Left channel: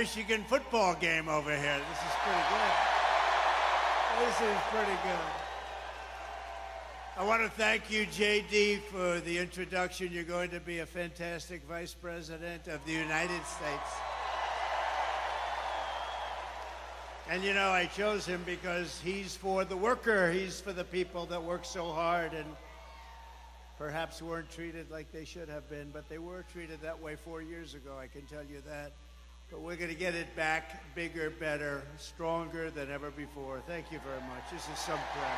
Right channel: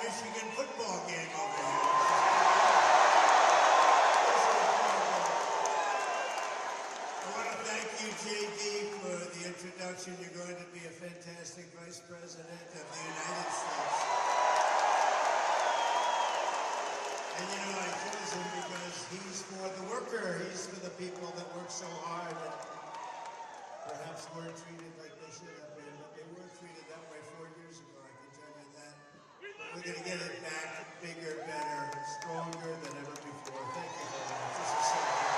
Michigan football game over here. This is pretty good. I want to thank you, JD, for the introduction. You're going to be a fantastic Vice President of the United States. And you know, I chose him because he's for the worker. He's for the people that work so hard and perhaps weren't treated like they should have been, but they were treated that way 4 years ago, I can tell you that. But we're going to get it back bigger, better, stronger than ever before. Thank you very much. This is something.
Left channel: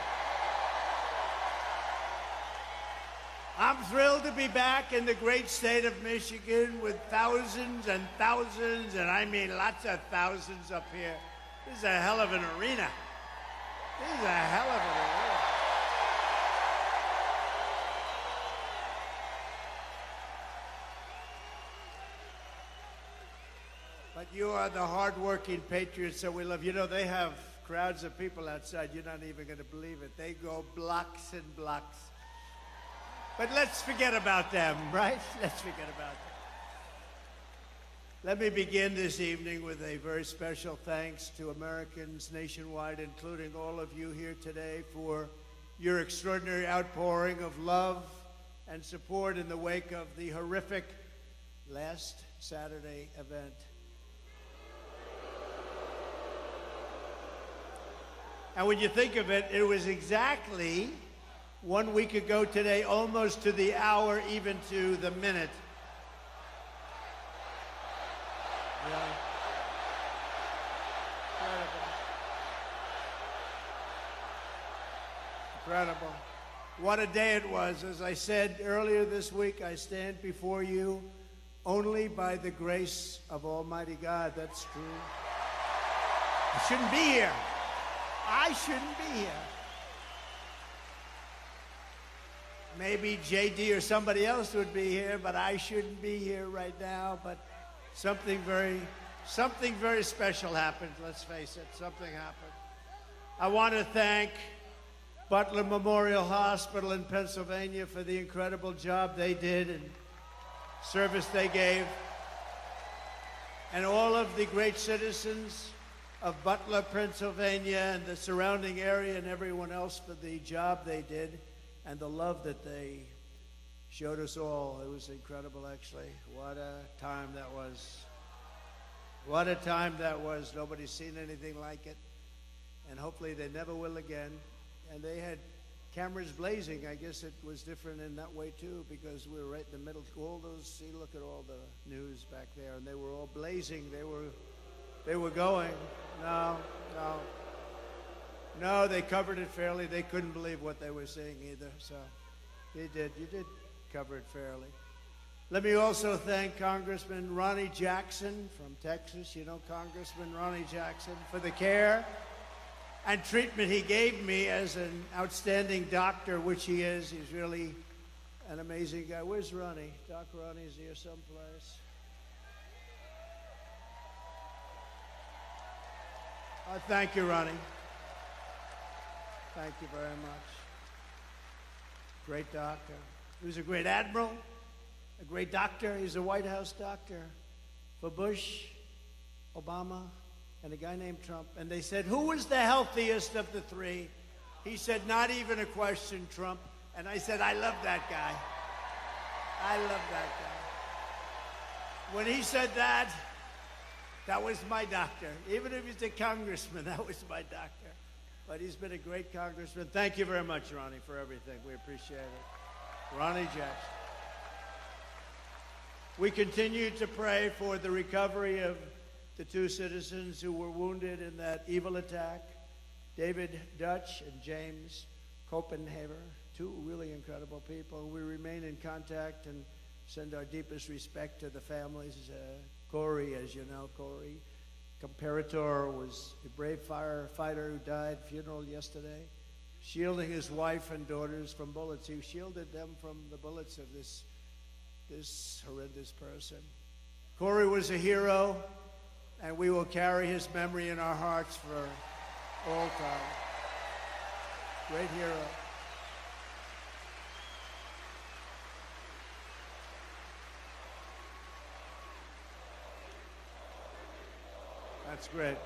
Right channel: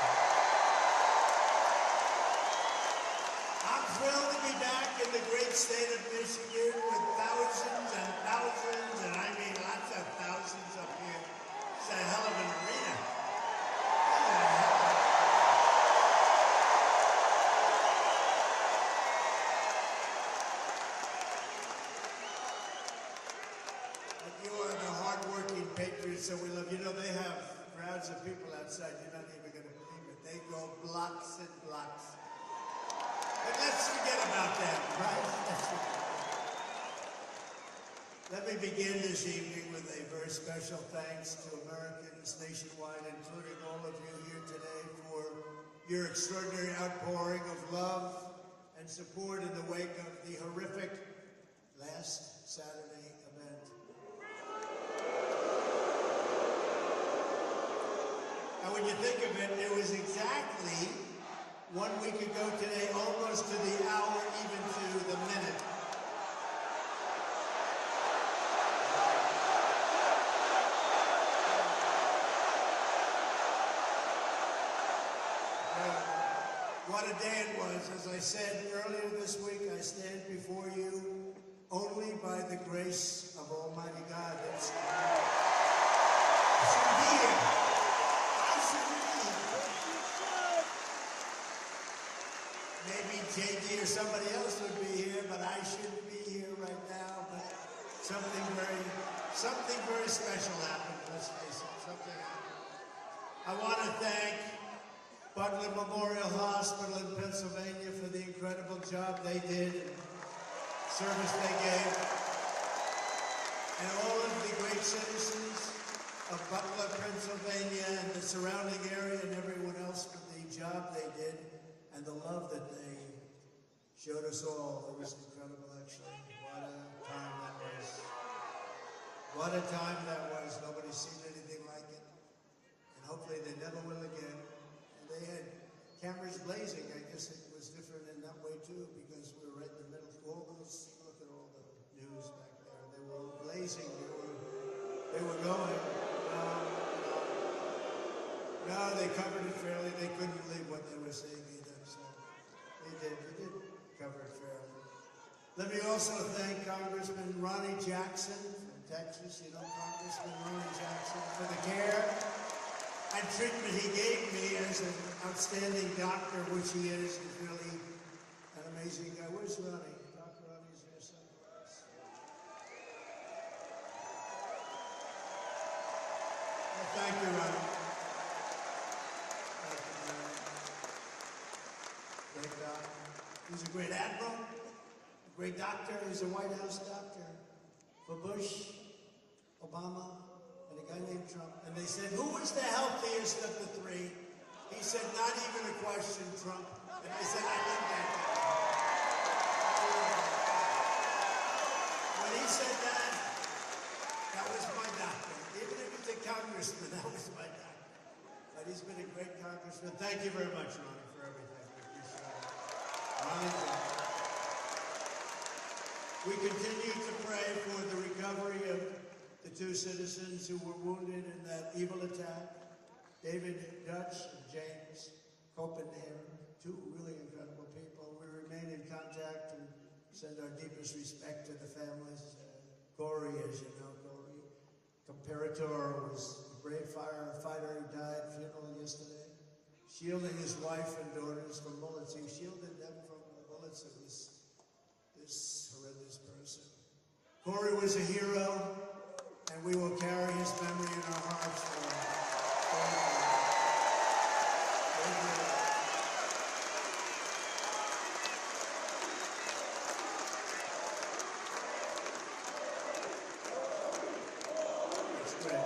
I'm thrilled to be back in the great state of Michigan with thousands and thousands, and I mean lots of thousands up here. This is a hell of an arena. This is a hell of an arena. But you are the hard-working patriots that we love. You know, they have crowds of people outside. You're not even going to believe it. They go blocks and blocks. But let's forget about them, right? Let's forget about them. Let me begin this evening with a very special thanks to Americans nationwide, including all of you here today, for your extraordinary outpouring of love and support in the wake of the horrific last Saturday event. And when you think of it, it was exactly 1 week ago today, almost to the hour, even to the minute. Incredible. What a day it was. As I said earlier this week, I stand before you only by the grace of Almighty God. That's true. I shouldn't be here. I shouldn't be here. Maybe JD or somebody else would be here, but I shouldn't be here right now. But something very special happened, let's face it. Something happened. I want to thank Butler Memorial Hospital in Pennsylvania for the incredible job they did and service they gave. And all of the great citizens of Butler, Pennsylvania, and the surrounding area, and everyone else for the job they did and the love that they showed us all. It was incredible, actually. What a time that was. What a time that was. Nobody's seen anything like it. And hopefully they never will again. And they had cameras blazing. I guess it was different in that way, too, because we were right in the middle. All those, see, look at all the news back there. And they were all blazing. They were going. No, they covered it fairly. They couldn't believe what they were seeing either. So you did cover it fairly. Let me also thank Congressman Ronnie Jackson from Texas. You know Congressman Ronnie Jackson, for the care and treatment he gave me as an outstanding doctor, which he is. He's really an amazing guy. Where's Ronnie? Doc Ronnie's here someplace. Thank you, Ronnie. Thank you very much. Great doctor. He was a great admiral, a great doctor. He was a White House doctor for Bush, Obama, and a guy named Trump. And they said, who was the healthiest of the three? He said, not even a question, Trump. And I said, I love that guy. I love that guy. When he said that, that was my doctor. Even if he's a congressman, that was my doctor. But he's been a great congressman. Thank you very much, Ronnie, for everything. We appreciate it. Ronnie Jackson. We continue to pray for the recovery of the two citizens who were wounded in that evil attack, David Dutch and James Copenhaver, two really incredible people. We remain in contact and send our deepest respect to the families. Corey, as you know, Corey Comparator was a brave firefighter who died, funeral yesterday, shielding his wife and daughters from bullets. He shielded them from the bullets of this horrendous person. Corey was a hero, and we will carry his memory in our hearts for all time. Great hero. great.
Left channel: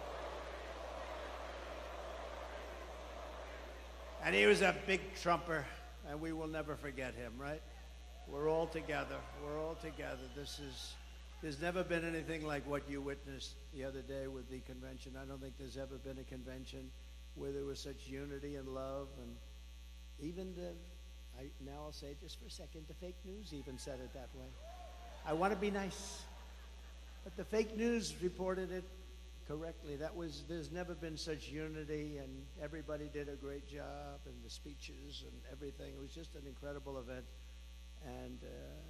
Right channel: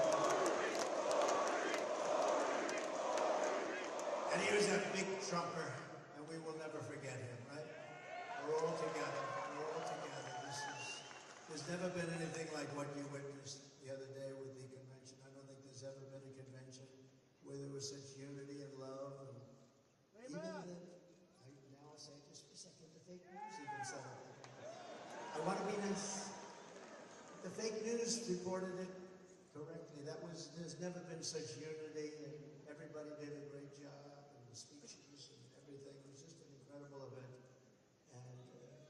And he was a big trumper, and we will never forget him, right? We're all together. We're all together. There's never been anything like what you witnessed the other day with the convention. I don't think there's ever been a convention where there was such unity and love, and even now I'll say just for a second, the fake news even said it that way. I want to be nice, but the fake news reported it correctly. There's never been such unity, and everybody did a great job, and the speeches and everything. It was just an incredible event. And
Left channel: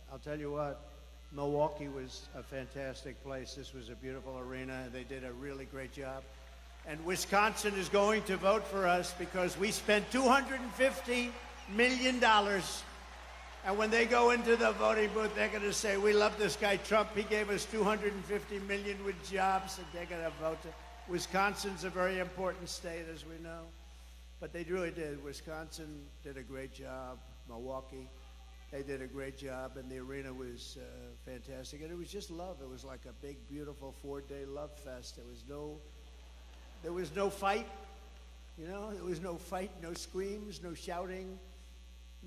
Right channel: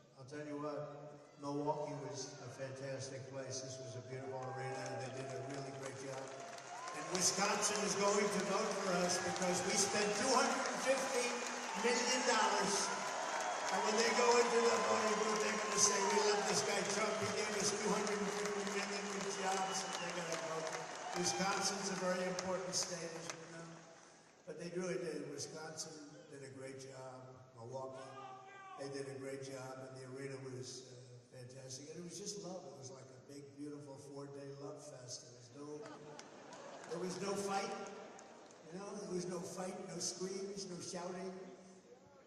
I'll tell you what, Milwaukee was a fantastic place. This was a beautiful arena, and they did a really great job. And Wisconsin is going to vote for us because we spent $250 million. And when they go into the voting booth, they're going to say, we love this guy Trump. He gave us $250 million with jobs, and they're going to vote. Wisconsin's a very important state, as we know. But they really did. Wisconsin did a great job. Milwaukee, they did a great job, and the arena was fantastic. And it was just love. It was like a big, beautiful 4-day love fest. There was no fight. You know, there was no fight, no screams, no shouting,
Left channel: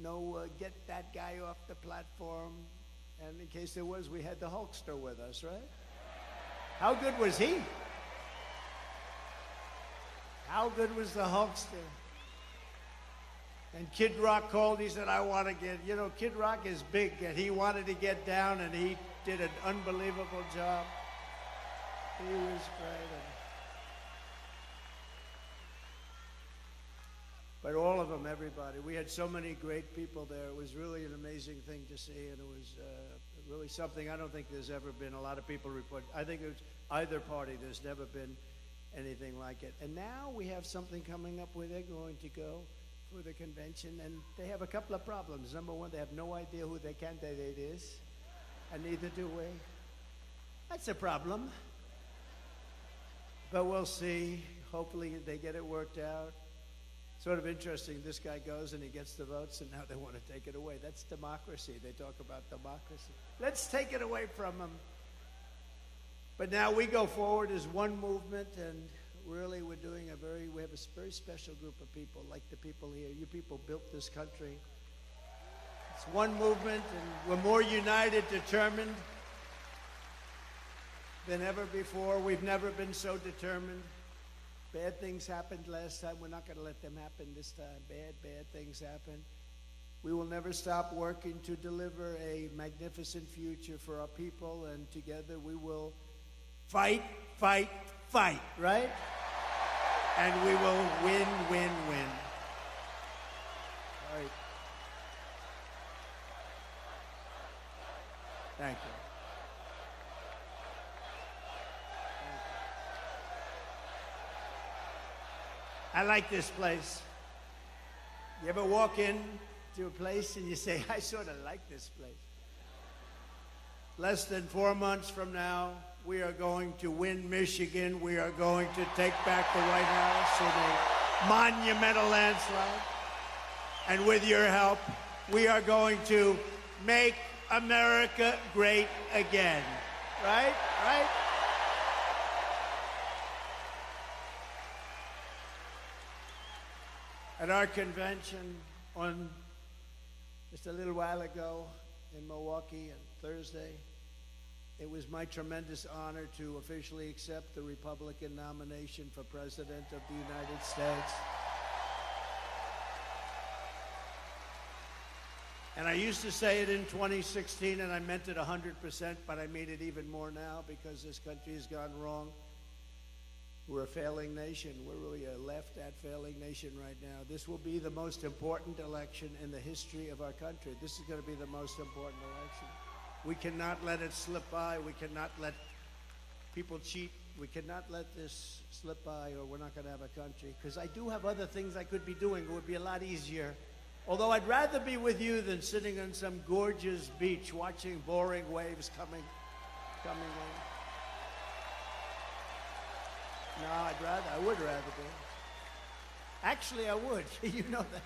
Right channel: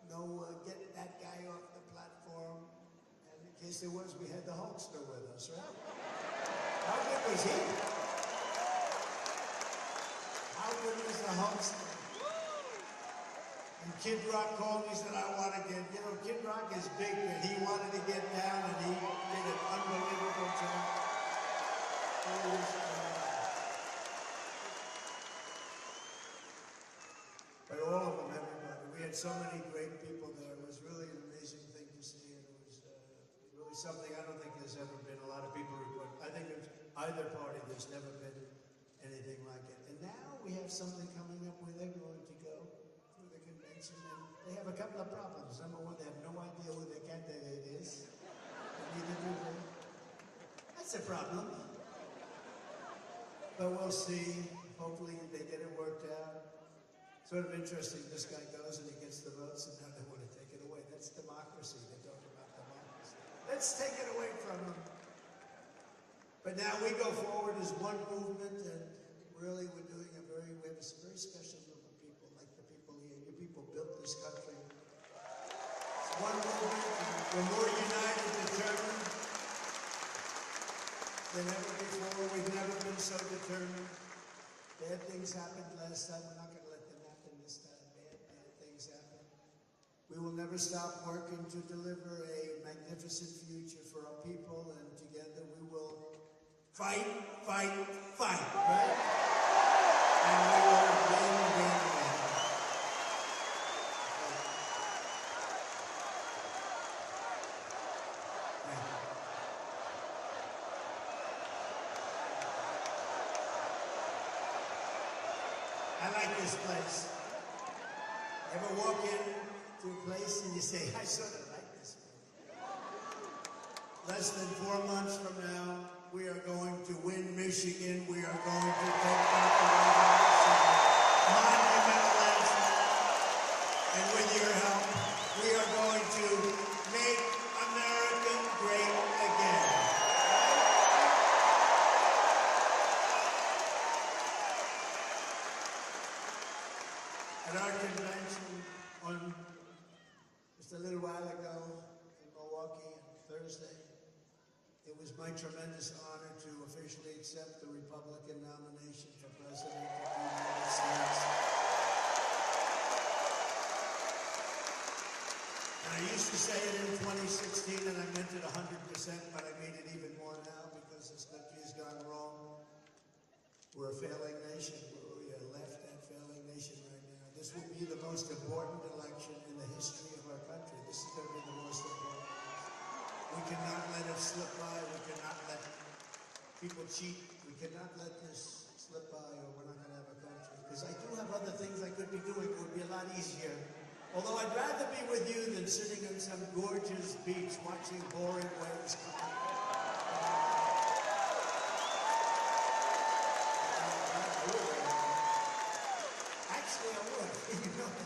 no get that guy off the platform. And in case there was, we had the Hulkster with us, right? How good was he? How good was the Hulkster? And Kid Rock called, he said, I want to get, you know, Kid Rock is big, and he wanted to get down, and he did an unbelievable job. He was, but all of them, everybody. We had so many great people there. It was really an amazing thing to see, and it was really something I don't think there's ever been. A lot of people report. I think it's either party, there's never been anything like it. And now we have something coming up where they're going to go for the convention, and they have a couple of problems. Number one, they have no idea who their candidate is, and neither do we. That's a problem. But we'll see. Hopefully they get it worked out. Sort of interesting, this guy goes and he gets the votes, and now they want to take it away. That's democracy. They talk about democracy. Let's take it away from them. But now we go forward as one movement, and really we have a very special group of people, like the people here. You people built this country. It's one movement, and we're more united, determined than ever before. We've never been so determined. Bad things happened last time. We're not going to let them happen this time. Bad things happen. We will never stop working to deliver a magnificent future for our people, and together we will fight, right? And we will win. Thank you. I like this place. You ever walk in to a place and you say, I sort of like this place. Less than 4 months from now, we are going to win Michigan. We are going to take back the White House in a monumental landslide. And with your help, we are going to make America great again. Right? At our convention just a little while ago in Milwaukee on Thursday, it was my tremendous honor to officially accept the Republican nomination for President of the United States. And I used to say it in 2016, and I meant it 100%, but I mean it even more now because this country has gone wrong. We're a failing nation. We're really a left-at failing nation right now. This will be the most important election in the history of our country. This is going to be the most important election. We cannot let it slip by. We cannot let people cheat. We cannot let this slip by, or we're not going to have a country. Because I do have other things I could be doing. It would be a lot easier. Although I'd rather be with you than sitting on some gorgeous beach watching boring waves coming. I would rather. Actually, I would. You know that.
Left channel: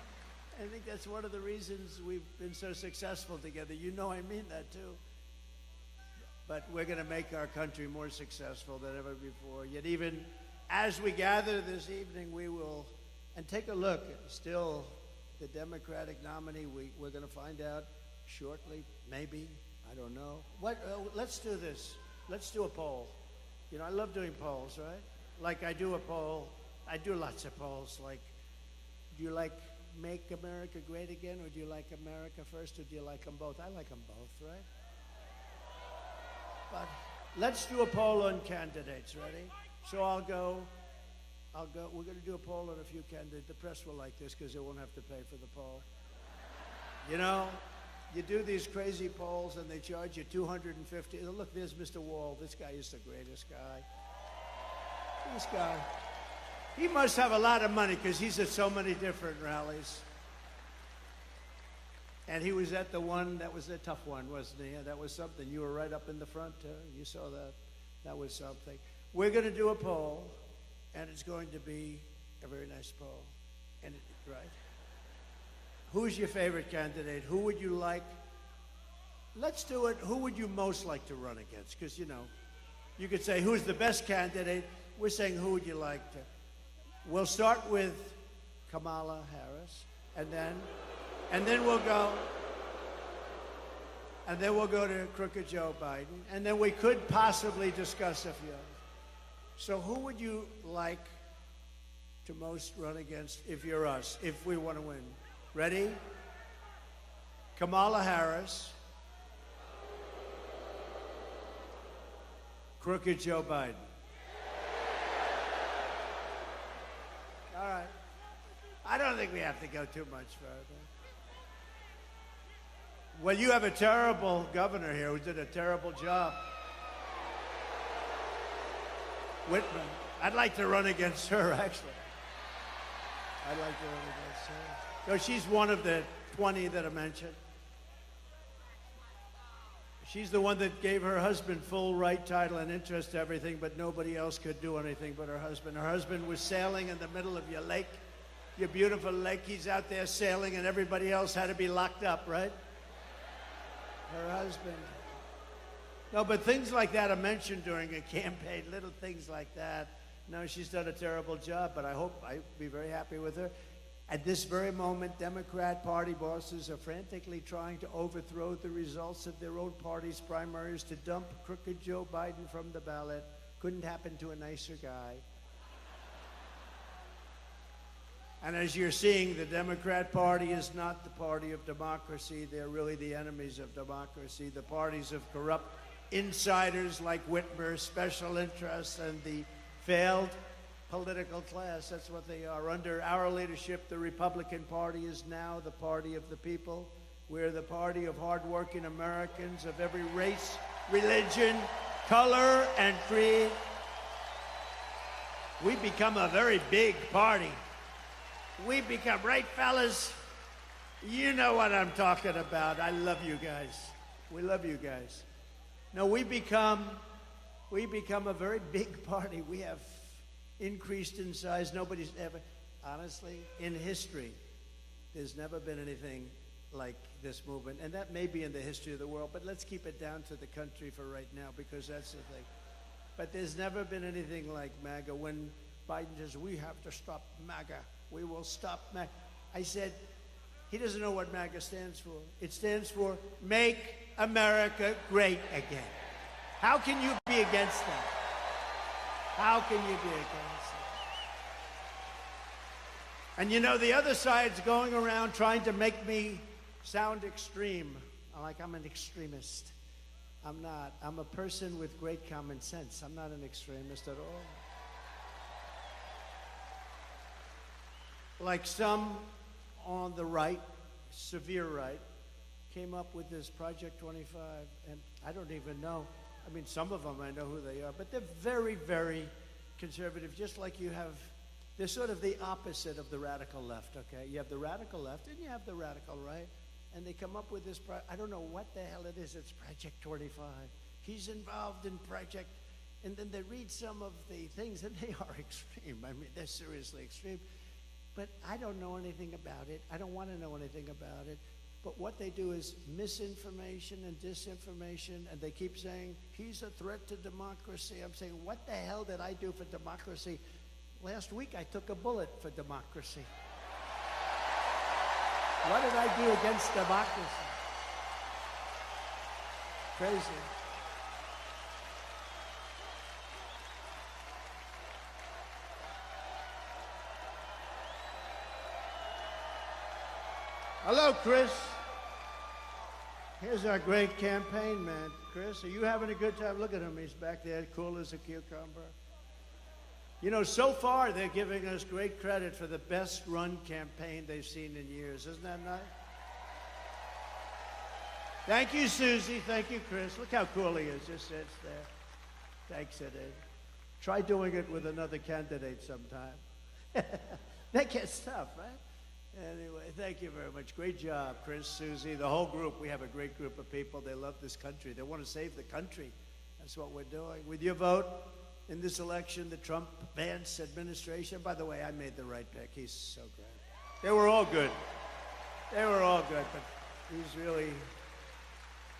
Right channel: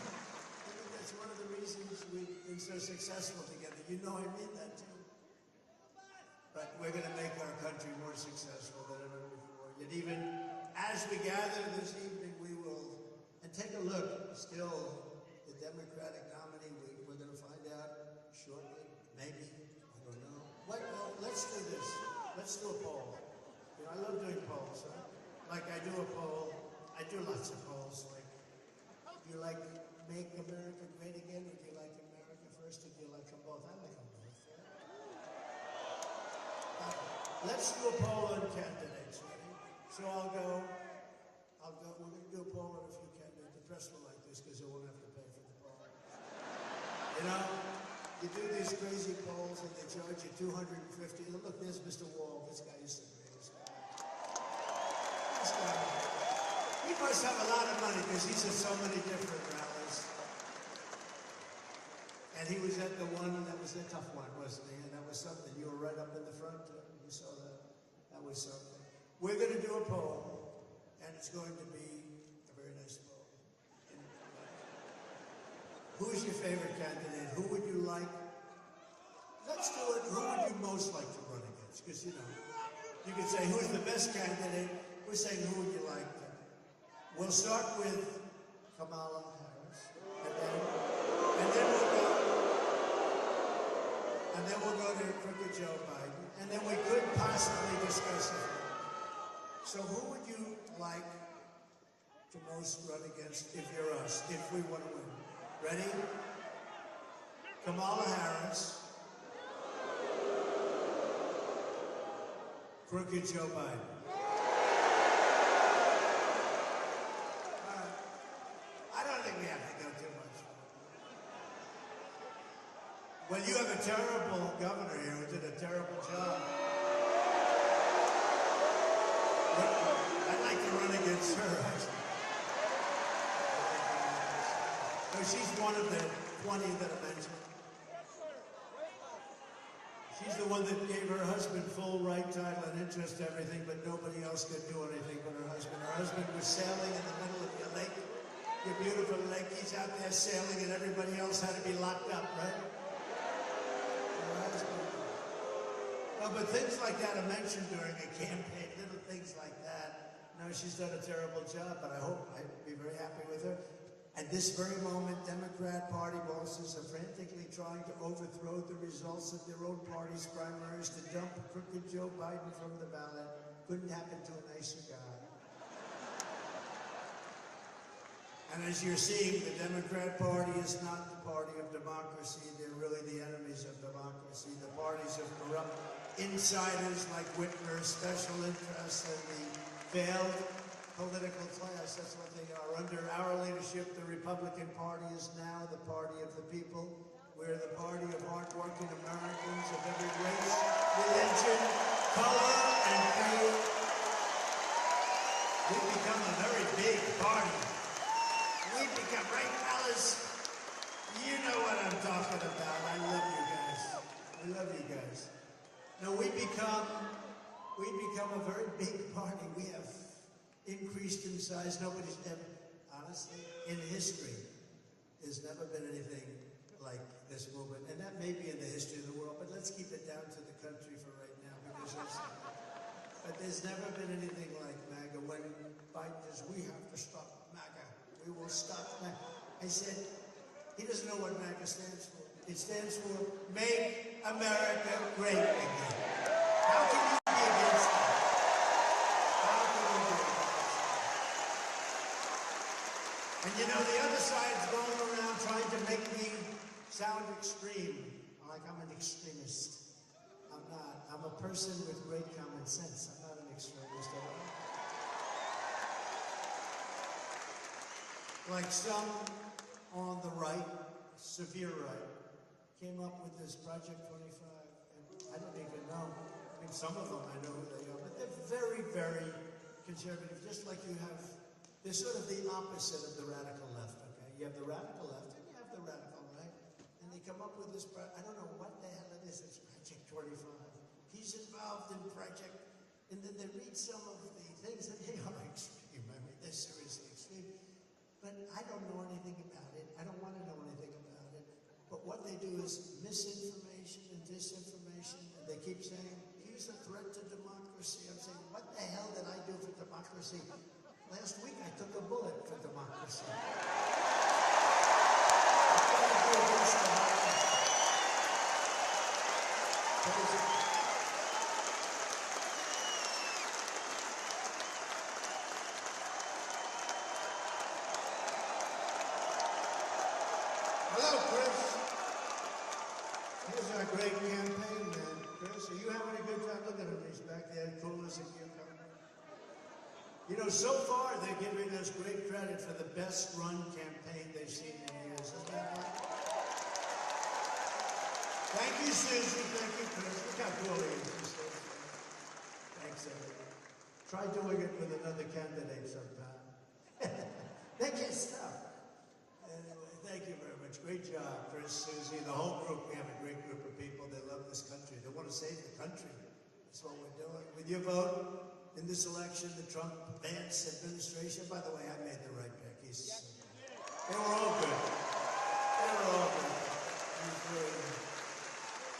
I think that's one of the reasons we've been so successful together. You know I mean that too. But we're going to make our country more successful than ever before. Yet even as we gather this evening, we will, and take a look, still the Democratic nominee, we're going to find out shortly, maybe, I don't know. Let's do this. Let's do a poll. You know, I love doing polls, right? Like I do a poll, I do lots of polls, like, do you like Make America Great Again, or do you like America First, or do you like them both? I like them both, right? Let's do a poll on candidates, ready? So I'll go, we're going to do a poll on a few candidates. The press will like this because they won't have to pay for the poll. You know, you do these crazy polls and they charge you $250. Look, there's Mr. Wall. This guy is the greatest guy. This guy. He must have a lot of money because he's at so many different rallies. And he was at the one, that was the tough one, wasn't he? And that was something. You were right up in the front, you saw that. That was something. We're going to do a poll, and it's going to be a very nice poll. And right. Who's your favorite candidate? Who would you like? Let's do it. Who would you most like to run against? Because, you know, you could say, who's the best candidate? We're saying, who would you like to? We'll start with Kamala Harris, and then we'll go to crooked Joe Biden, and then we could possibly discuss it. So who would you like to most run against if you're us, if we want to win? Ready? Kamala Harris, crooked Joe Biden. All right. I don't think we have to go too much further. Well, you have a terrible governor here who did a terrible job. I'd like to run against her, actually. I'd like to run against her. No, she's one of the 20 that I mentioned. She's the one that gave her husband full right, title, and interest to everything, but nobody else could do anything but her husband. Her husband was sailing in the middle of your lake, your beautiful lake. He's out there sailing, and everybody else had to be locked up, right? Her husband. No, but things like that are mentioned during a campaign, little things like that. No, she's done a terrible job, but I'd be very happy with her. At this very moment, Democrat Party bosses are frantically trying to overthrow the results of their own party's primaries to dump crooked Joe Biden from the ballot. Couldn't happen to a nicer guy. And as you're seeing, the Democrat Party is not the party of democracy. They're really the enemies of democracy. The parties of corrupt insiders like Whitmer, special interests, and the failed political class. That's what they are. Under our leadership, the Republican Party is now the party of the people. We're the party of hardworking Americans of every race, religion, color, and creed. We've become a very big party. We've become, right, fellas? You know what I'm talking about. I love you guys. We love you guys. No, we become a very big party. We have increased in size. Nobody's ever, honestly, in history, there's never been anything like this movement. And that may be in the history of the world, but let's keep it down to the country for right now, because that's the thing. But there's never been anything like MAGA. When Biden says, we have to stop MAGA. We will stop MAGA. I said, he doesn't know what MAGA stands for. It stands for Make America Great Again. How can you be against that? How can you be against that? And you know, the other side's going around trying to make me sound extreme. Like I'm an extremist. I'm not. I'm a person with great common sense. I'm not an extremist at all. Like some on the right, severe right, came up with this Project 25, and I don't even know. I mean, some of them I know who they are, but they're very, very conservative, just like you have. They're sort of the opposite of the radical left, okay? You have the radical left, and you have the radical right, and they come up with this, I don't know what the hell it is, it's Project 25. He's involved in Project, and then they read some of the things, and they are extreme. I mean, they're seriously extreme. But I don't know anything about it. I don't want to know anything about it. But what they do is misinformation and disinformation, and they keep saying, he's a threat to democracy. I'm saying, what the hell did I do for democracy? Last week I took a bullet for democracy. What did I do against democracy? Crazy. Hello, Chris. Here's our great campaign man. Chris, are you having a good time? Look at him. He's back there, cool as a cucumber. You know, so far they're giving us great credit for the best run campaign they've seen in years. Isn't that right? Thank you, Susie. Thank you, Chris. Look how cool he is. Just sits there. Thanks, Eddie. Try doing it with another candidate sometime. That gets tough, right? Anyway, thank you very much. Great job, Chris, Susie, the whole group. We have a great group of people. They love this country. They want to save the country. That's what we're doing. With your vote in this election, the Trump-Vance administration, by the way, I made the right pick. He's so good. They were all good. They were all good. But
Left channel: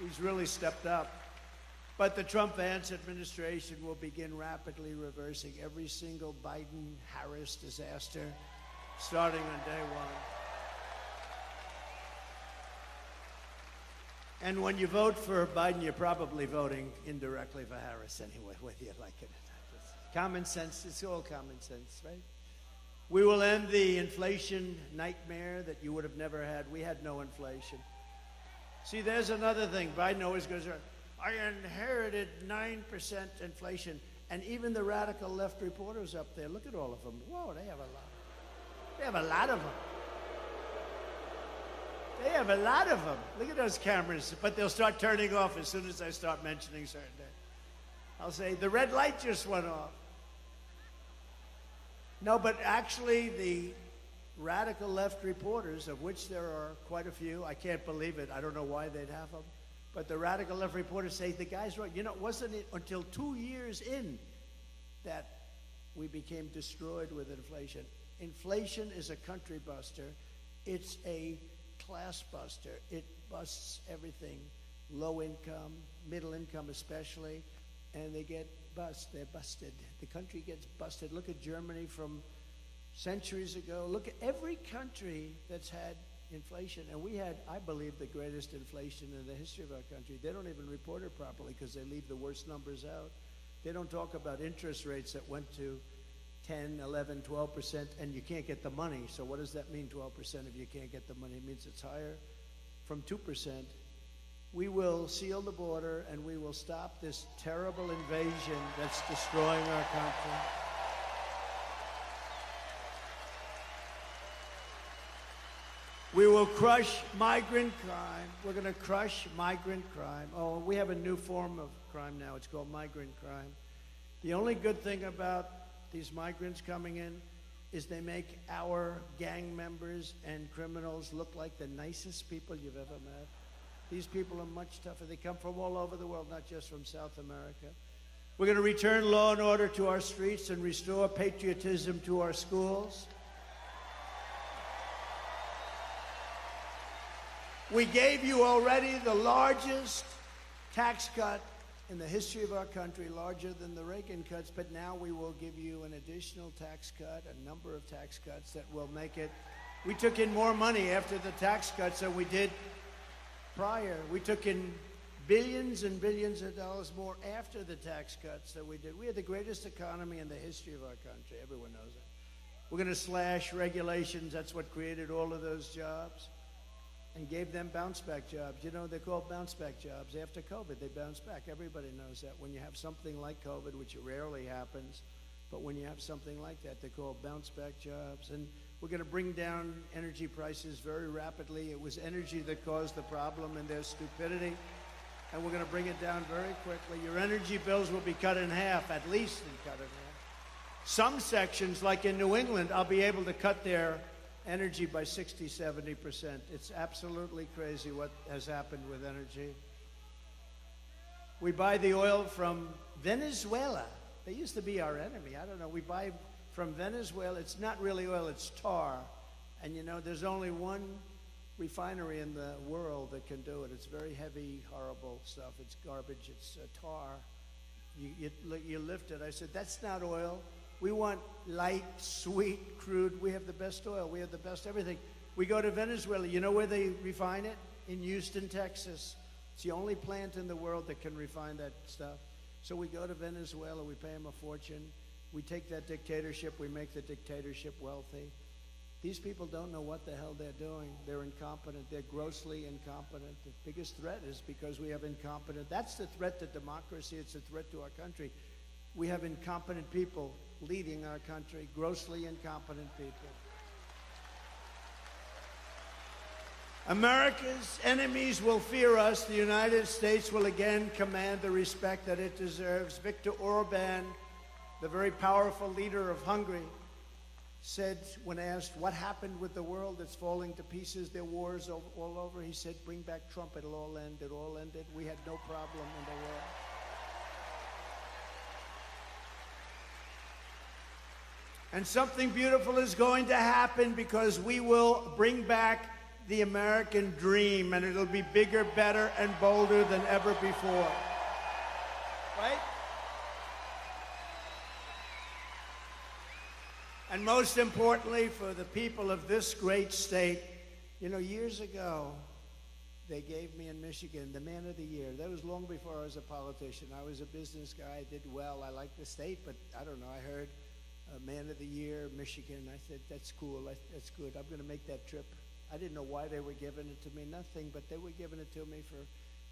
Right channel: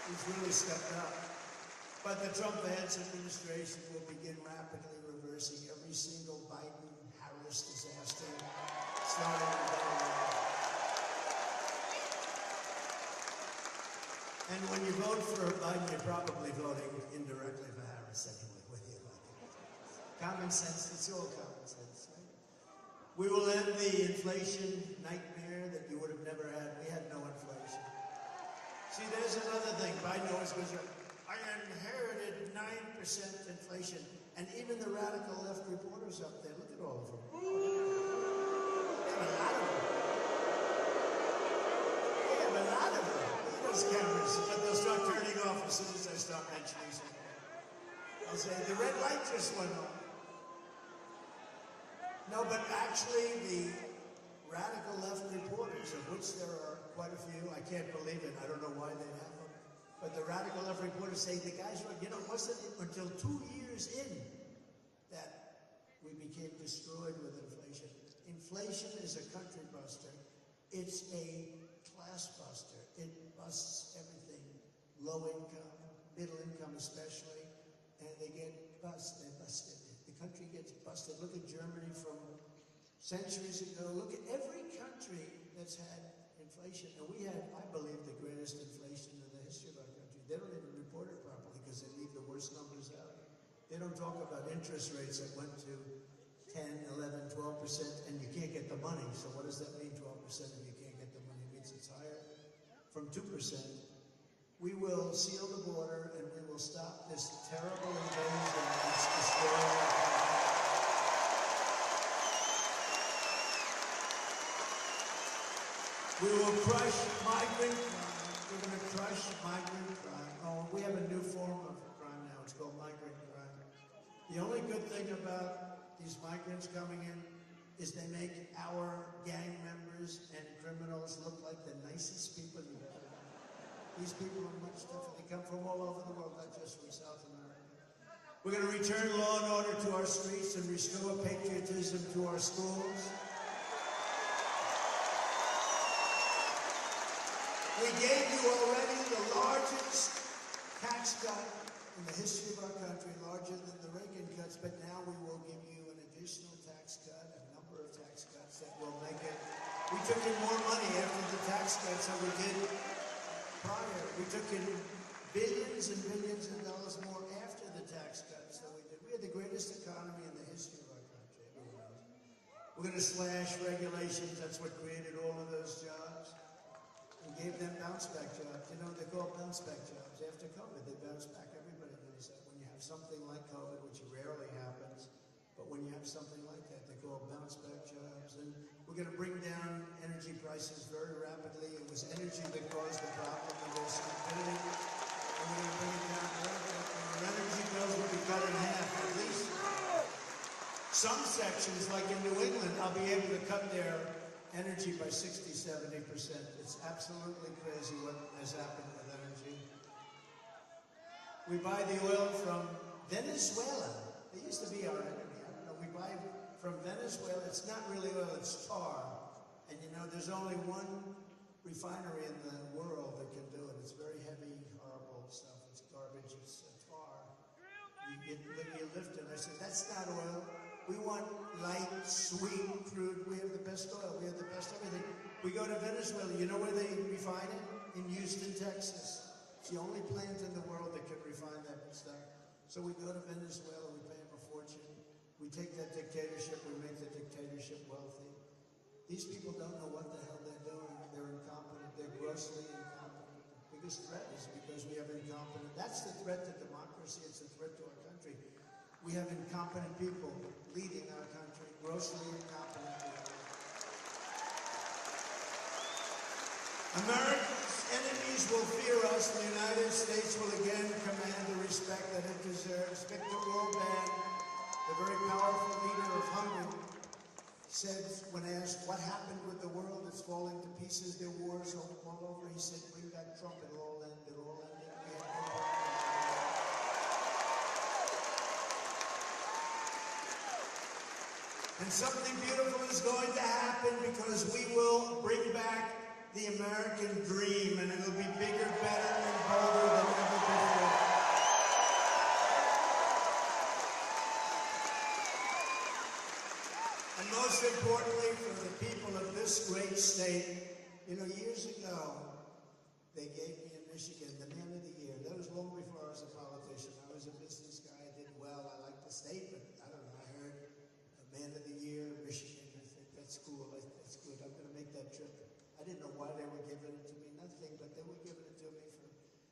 he's really stepped up. But the Trump-Vance administration will begin rapidly reversing every single Biden-Harris disaster starting on day one. And when you vote for Biden, you're probably voting indirectly for Harris anyway, whether you like it. Common sense, it's all common sense, right? We will end the inflation nightmare that you would have never had. We had no inflation. See, there's another thing. Biden always goes, I inherited 9% inflation. And even the radical left reporters up there, look at all of them. Whoa, they have a lot of them. They have a lot of them. Look at those cameras. But they'll start turning off as soon as I start mentioning something. I'll say, the red light just went off. No, but actually the radical left reporters, of which there are quite a few, I can't believe it. I don't know why they'd have them. But the radical left reporters say the guy's right. You know, wasn't it until 2 years in that we became destroyed with inflation? Inflation is a country buster. It's a class buster. It busts everything. Low income, middle income especially, and they get busted. They're busted. The country gets busted. Look at Germany from centuries ago. Look at every country that's had inflation, and we had, I believe, the greatest inflation in the history of our country. They don't even report it properly because they leave the worst numbers out. They don't talk about interest rates that went to 10, 11, 12%, and you can't get the money. So what does that mean, 12% if you can't get the money? It means it's higher from 2%. We will seal the border, and we will stop this terrible invasion that's destroying our country. We will crush migrant crime. We're going to crush migrant crime. Oh, we have a new form of crime now. It's called migrant crime. The only good thing about these migrants coming in is they make our gang members and criminals look like the nicest people you've ever met. These people are much tougher. They come from all over the world, not just from South America. We're going to return law and order to our streets and restore patriotism to our schools. We gave you already the largest tax cut in the history of our country, larger than the Reagan cuts, but now we will give you an additional tax cut, a number of tax cuts that will make it. We took in more money after the tax cuts than we did prior. We took in billions and billions of dollars more after the tax cuts than we did. We had the greatest economy in the history of our country. Everyone knows it. We're going to slash regulations. That's what created all of those jobs and gave them bounce-back jobs. You know, they're called bounce-back jobs. After COVID, they bounce back. Everybody knows that. When you have something like COVID, which rarely happens, but when you have something like that, they're called bounce-back jobs. And we're going to bring down energy prices very rapidly. It was energy that caused the problem and their stupidity. And we're going to bring it down very quickly. Your energy bills will be cut in half, at least. Some sections, like in New England, I'll be able to cut their energy by 60, 70%. It's absolutely crazy what has happened with energy. We buy the oil from Venezuela. They used to be our enemy. I don't know. We buy from Venezuela. It's not really oil, it's tar. And you know, there's only one refinery in the world that can do it. It's very heavy, horrible stuff. It's garbage. It's tar. You lift it. I said, that's not oil. We want light, sweet, crude. We have the best oil. We have the best everything. We go to Venezuela. You know where they refine it? In Houston, Texas. It's the only plant in the world that can refine that stuff. So we go to Venezuela. We pay them a fortune. We take that dictatorship. We make the dictatorship wealthy. These people don't know what the hell they're doing. They're incompetent. They're grossly incompetent. The biggest threat is because we have incompetent. That's the threat to democracy. It's a threat to our country. We have incompetent people leading our country, grossly incompetent people. America's enemies will fear us. The United States will again command the respect that it deserves. Viktor Orban, the very powerful leader of Hungary, said when asked what happened with the world that's falling to pieces, there are wars all over, he said, bring back Trump, it'll all end, it'll all end. We have no problem in the world. And something beautiful is going to happen because we will bring back the American dream, and it'll be bigger, better, and bolder than ever before. And most importantly, for the people of this great state, you know, years ago, they gave me in Michigan the Man of the Year. That was long before I was a politician. I was a business guy, I did well, I liked the state, but I don't know, I heard Man of the Year, Michigan. I said, that's cool, that's good, I'm gonna make that trip. I didn't know why they were giving it to me, nothing, but they were giving it to me for,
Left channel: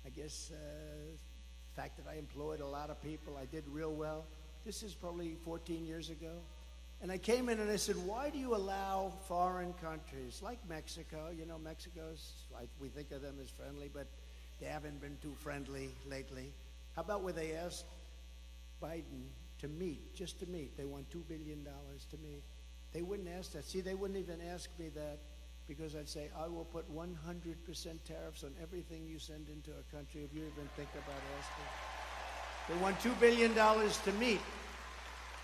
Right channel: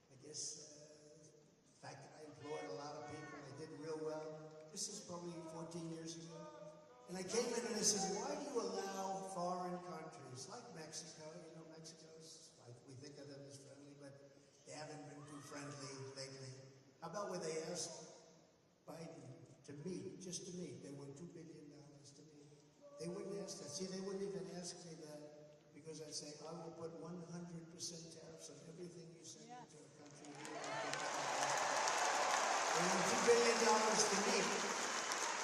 I guess, the fact that I employed a lot of people, I did real well. This is probably 14 years ago. And I came in and I said, why do you allow foreign countries like Mexico, you know, Mexico's, like, we think of them as friendly, but they haven't been too friendly lately. How about where they asked Biden to meet, just to meet? They want $2 billion to meet. They wouldn't ask that. See, they wouldn't even ask me that because I'd say, I will put 100% tariffs on everything you send into a country if you even think about it. They want $2 billion to meet.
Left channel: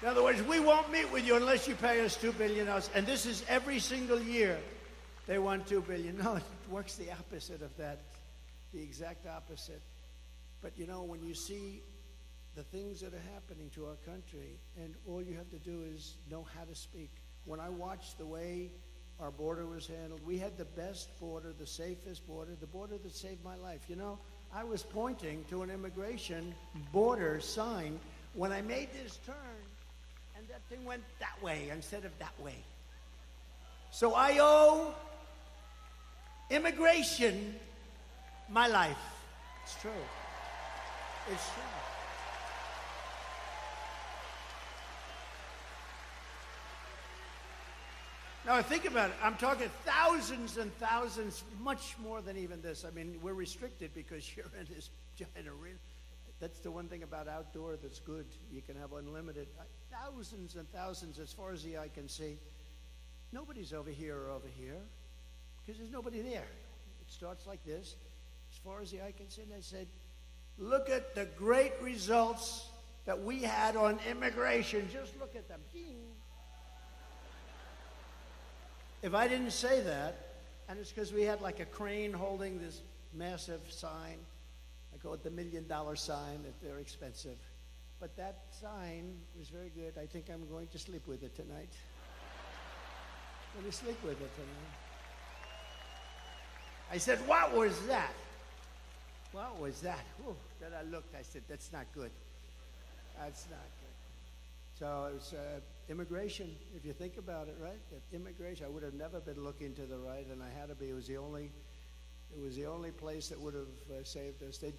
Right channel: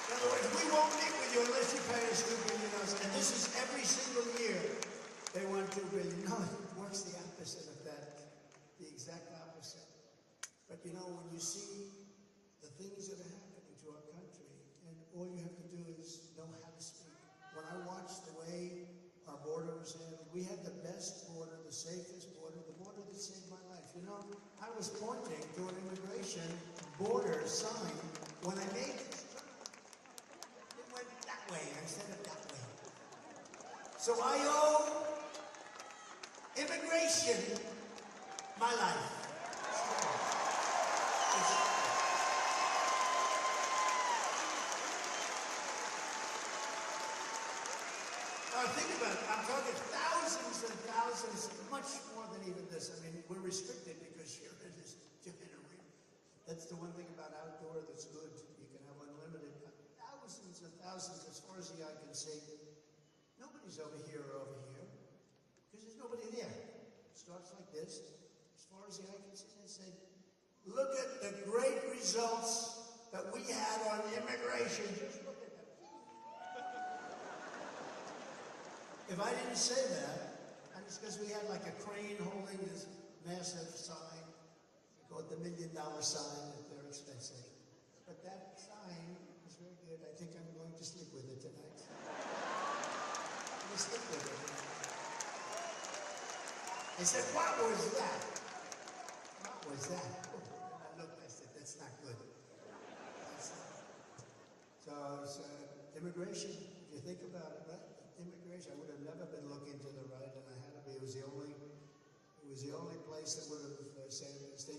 In other words, we won't meet with you unless you pay us $2 billion. And this is every single year. They want $2 billion. No, it works the opposite of that, the exact opposite. But you know, when you see the things that are happening to our country, and all you have to do is know how to speak. When I watched the way our border was handled, we had the best border, the safest border, the border that saved my life. You know, I was pointing to an immigration border sign when I made this turn. Thing went that way instead of that way. So I owe immigration my life. It's true. It's true. Now think about it. I'm talking thousands and thousands, much more than even this. I mean, we're restricted because you're in this giant arena. That's the one thing about outdoor that's good. You can have unlimited. Thousands and thousands as far as the eye can see. Nobody's over here or over here because there's nobody there. It starts like this. As far as the eye can see, and I said, look at the great results that we had on immigration. Just look at them. If I didn't say that, and it's because we had like a crane holding this massive sign, I call it the $1 million sign, that they're expensive. But that sign was very good. I think I'm going to sleep with it tonight. I'm going to sleep with it tonight. I said, what was that? What was that? Ooh, then I looked, I said, that's not good. That's not. So it's immigration, if you think about it, right? Immigration, I would have never been looking to the right, and I had to be. It was the only place that would have saved us. They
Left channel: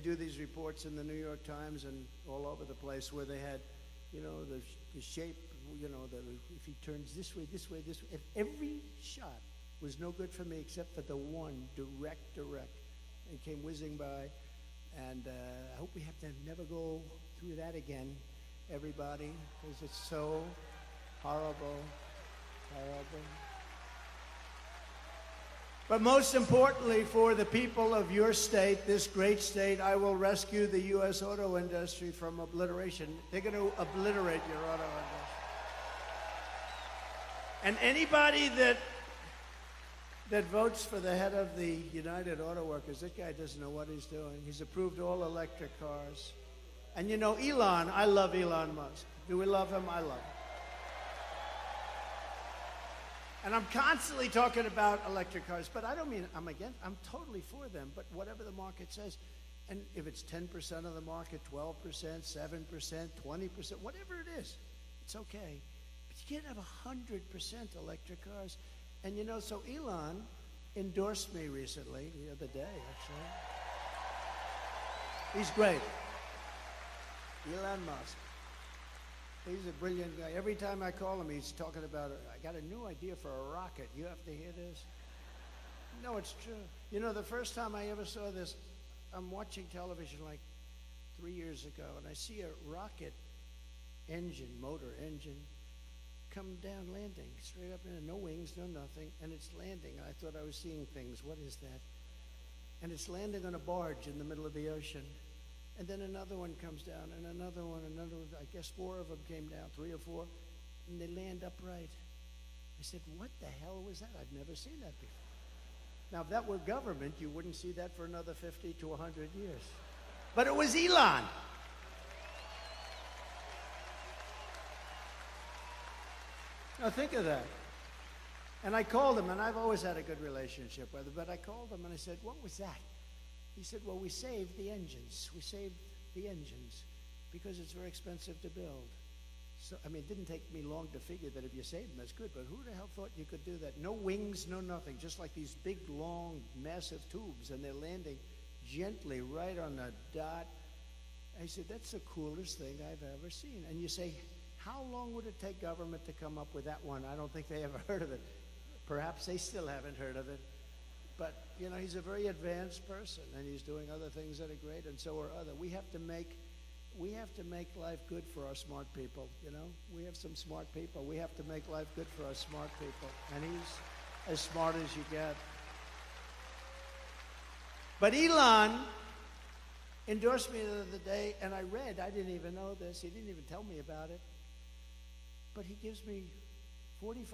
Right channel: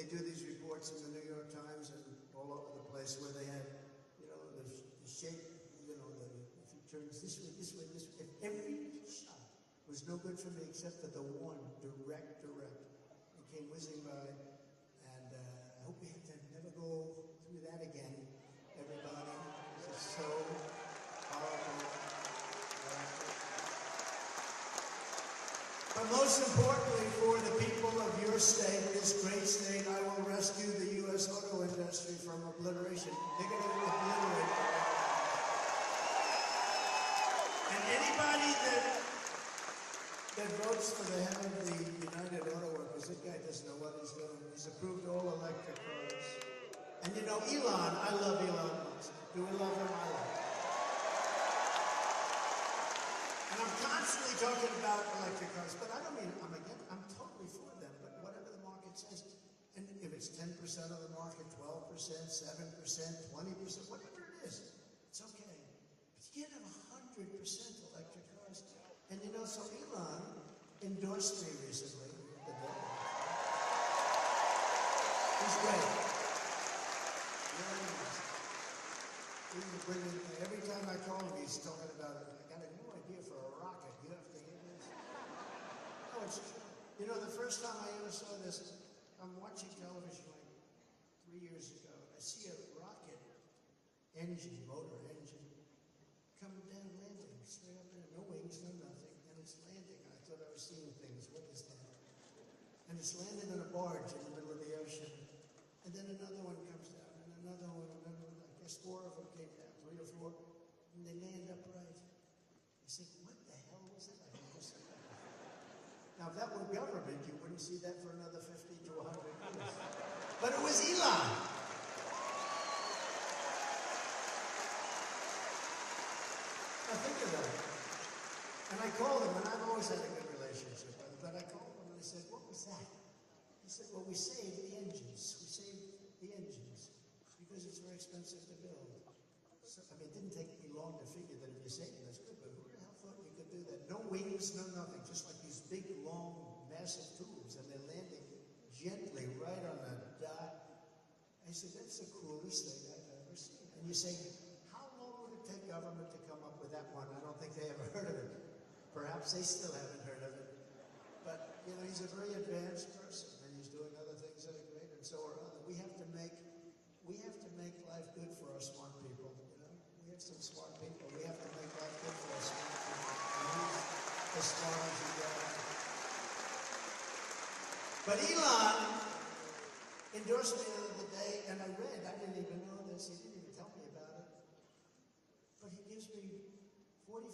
do these reports in the New York Times and all over the place where they had, you know, the shape, you know, if he turns this way, this way, this way. If every shot was no good for me except for the one direct, and came whizzing by. And I hope we have to never go through that again, everybody, because it's so horrible. But most importantly, for the people of your state, this great state, I will rescue the U.S. auto industry from obliteration. They're going to obliterate it all. And anybody that votes for the head of the United Auto Workers, that guy doesn't know what he's doing. He's approved all electric cars. And you know, Elon, I love Elon Musk. Do we love him? I love him. And I'm constantly talking about electric cars, but I don't mean I'm against. I'm totally for them. But whatever the market says, and if it's 10% of the market, 12%, 7%, 20%, whatever it is, it's okay. But you can't have 100% electric cars. And you know, so Elon endorsed me recently, the other day. He's great. Elon Musk. He's a brilliant guy. Every time I call him, he's talking about, I got a new idea for a rocket. You have to hear this? No, it's true. You know, the first time I ever saw this, I'm watching television like 3 years ago, and I see a rocket engine, motor engine, come down landing, straight up in there, no wings, no nothing, and it's landing. I thought I was seeing things. What is that? And it's landing on a barge in the middle of the ocean. And then another one comes down, and another one. I guess 4 of them came down, 3 or 4, and they land upright. I said, what the hell was that? I've never seen that before. Now, if that were government, you wouldn't see that for another 50 to 100 years. But it was Elon. Now, think of that. And I called him, and I've always had a good relationship with him, but I called him, and I said, what was that? He said, well, we saved the engines. We saved the engines because it's very expensive to build. So, I mean, it didn't take me long to figure that if you save them, that's good. But who the hell thought you could do that? No wings, no nothing. Just like these big, long, massive tubes. And they're landing gently right on the dot. I said, that's the coolest thing I've ever seen. And you say, how long would it take government to come up with that one? I don't think they ever heard of it. Perhaps they still haven't heard of it. But, you know, he's a very advanced person, and he's doing other things that are great, and so are other. We have to make life good for our smart people, you know? We have some smart people. We have to make life good for our smart people. And he's as smart as you get. But Elon endorsed me the other day, and I didn't even know this. He didn't even tell me about it. But he gives me $45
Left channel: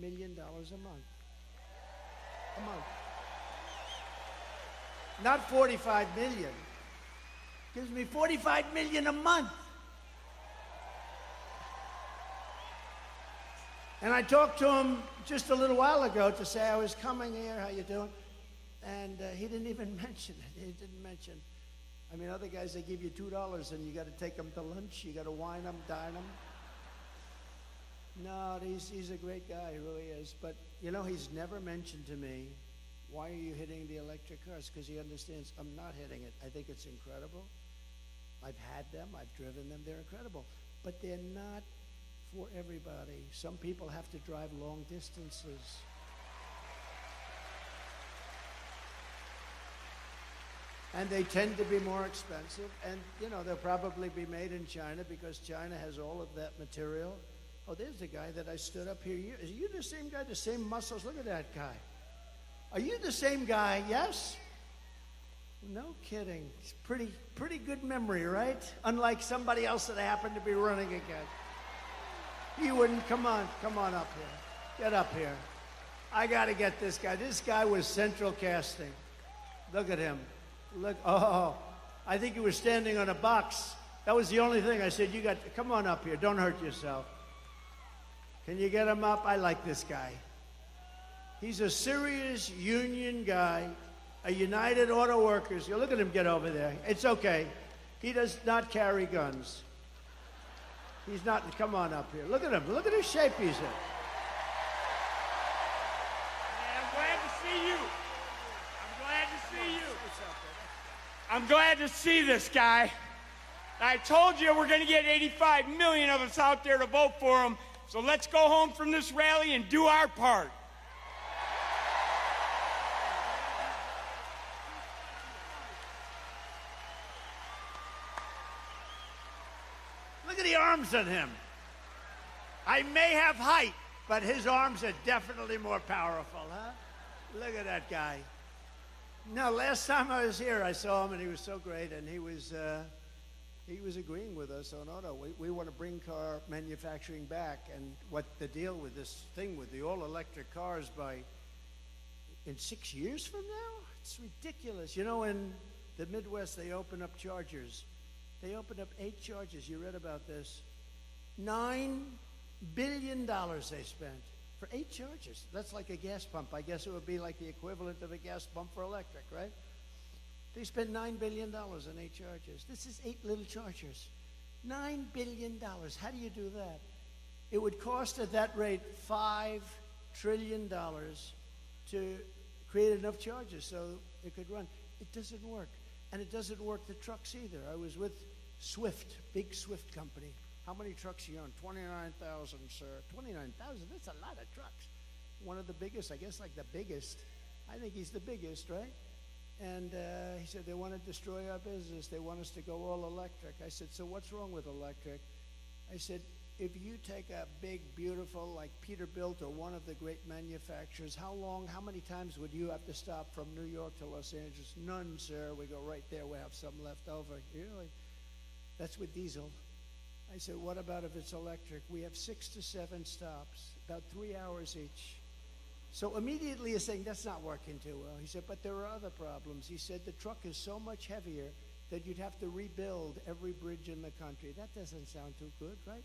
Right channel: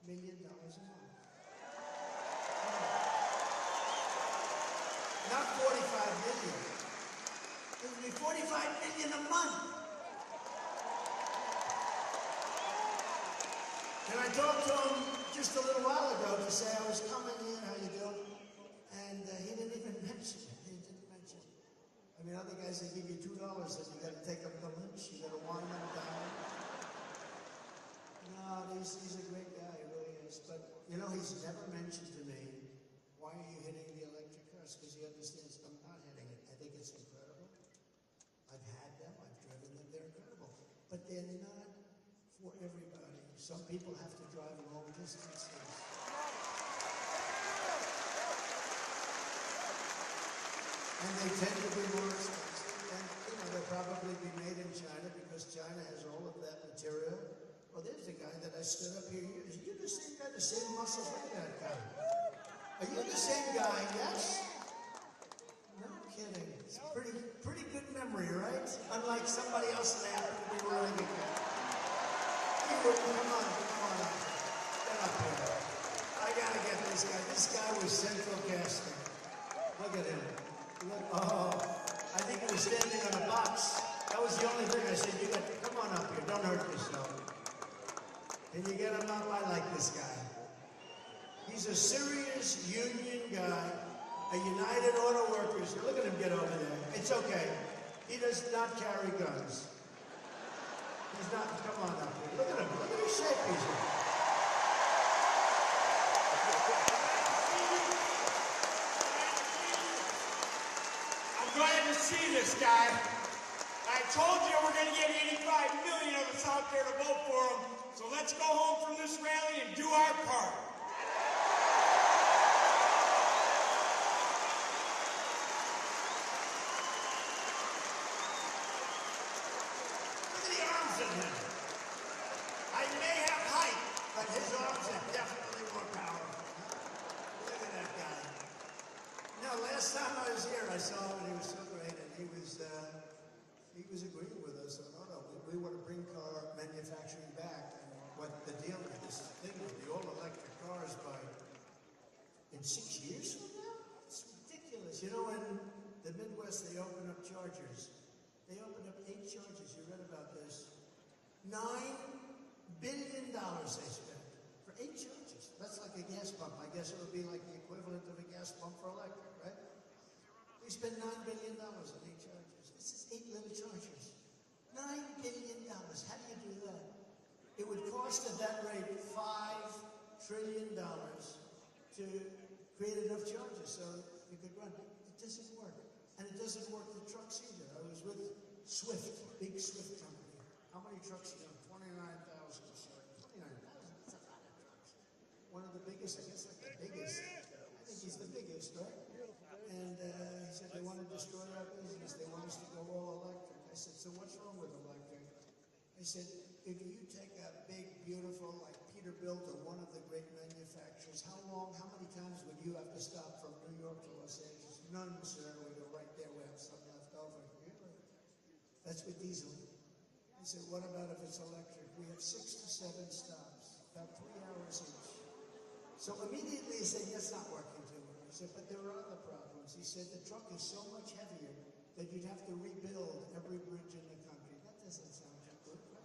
million a month. Come on. Not 45 million. Gives me 45 million a month. And I talked to him just a little while ago to say I was coming here, how you doing? And he didn't even mention it. He didn't mention. I mean, other guys, they give you $2 and you got to take them to lunch. You got to wine them, dine them. No, he's a great guy, he really is. But, you know, he's never mentioned to me, why are you hitting the electric cars? Because he understands I'm not hitting it. I think it's incredible. I've had them, I've driven them, they're incredible. But they're not for everybody. Some people have to drive long distances. And they tend to be more expensive. And, you know, they'll probably be made in China because China has all of that material. Oh, there's a guy that I stood up here. Are you the same guy, the same muscles? Look at that guy. Are you the same guy? Yes? No kidding. It's pretty good memory, right? Unlike somebody else that happened to be running again. He wouldn't. Come on up here. Get up here. I got to get this guy. This guy was central casting. Look at him. Look. Oh, I think he was standing on a box. That was the only thing. I said, come on up here. Don't hurt yourself. Can you get him up? I like this guy. He's a serious union guy, a United Auto Workers. Look at him get over there. It's okay. He does not carry guns. He's not, come on up here. Look at him. Look at his shape he's in. I'm glad to see you. Glad to see you. I'm glad to see this guy. I told you we're going to get 85 million of us out there to vote for him. So let's go home from this rally and do our part. Look at the arms on him. I may have height, but his arms are definitely more powerful, huh? Look at that guy. Now, last time I was here, I saw him, and he was so great, and he was agreeing with us on, we want to bring car manufacturing back, and what the deal with this thing with the all-electric cars in 6 years from now? It's ridiculous. You know, in the Midwest, they open up chargers. They opened up 8 chargers. You read about this. $9 billion they spent for 8 chargers. That's like a gas pump. I guess it would be like the equivalent of a gas pump for electric, right? They spent $9 billion in 8 chargers. This is 8 little chargers. $9 billion. How do you do that? It would cost at that rate $5 trillion to create enough chargers so it could run. It doesn't work. And it doesn't work the trucks either. I was with Swift, big Swift company. How many trucks you own? 29,000, sir. 29,000? That's a lot of trucks. One of the biggest, I guess like the biggest. I think he's the biggest, right? And he said they want to destroy our business. They want us to go all electric. I said, so what's wrong with electric? I said, if you take a big, beautiful, like Peterbilt or one of the great manufacturers, how many times would you have to stop from New York to Los Angeles? None, sir. We go right there. We have some left over. Really? That's with diesel. I said, what about if it's electric? We have 6 to 7 stops, about 3 hours each. So immediately he's saying, that's not working too well. He said, but there are other problems. He said, the truck is so much heavier that you'd have to rebuild every bridge in the country. That doesn't sound too good, right?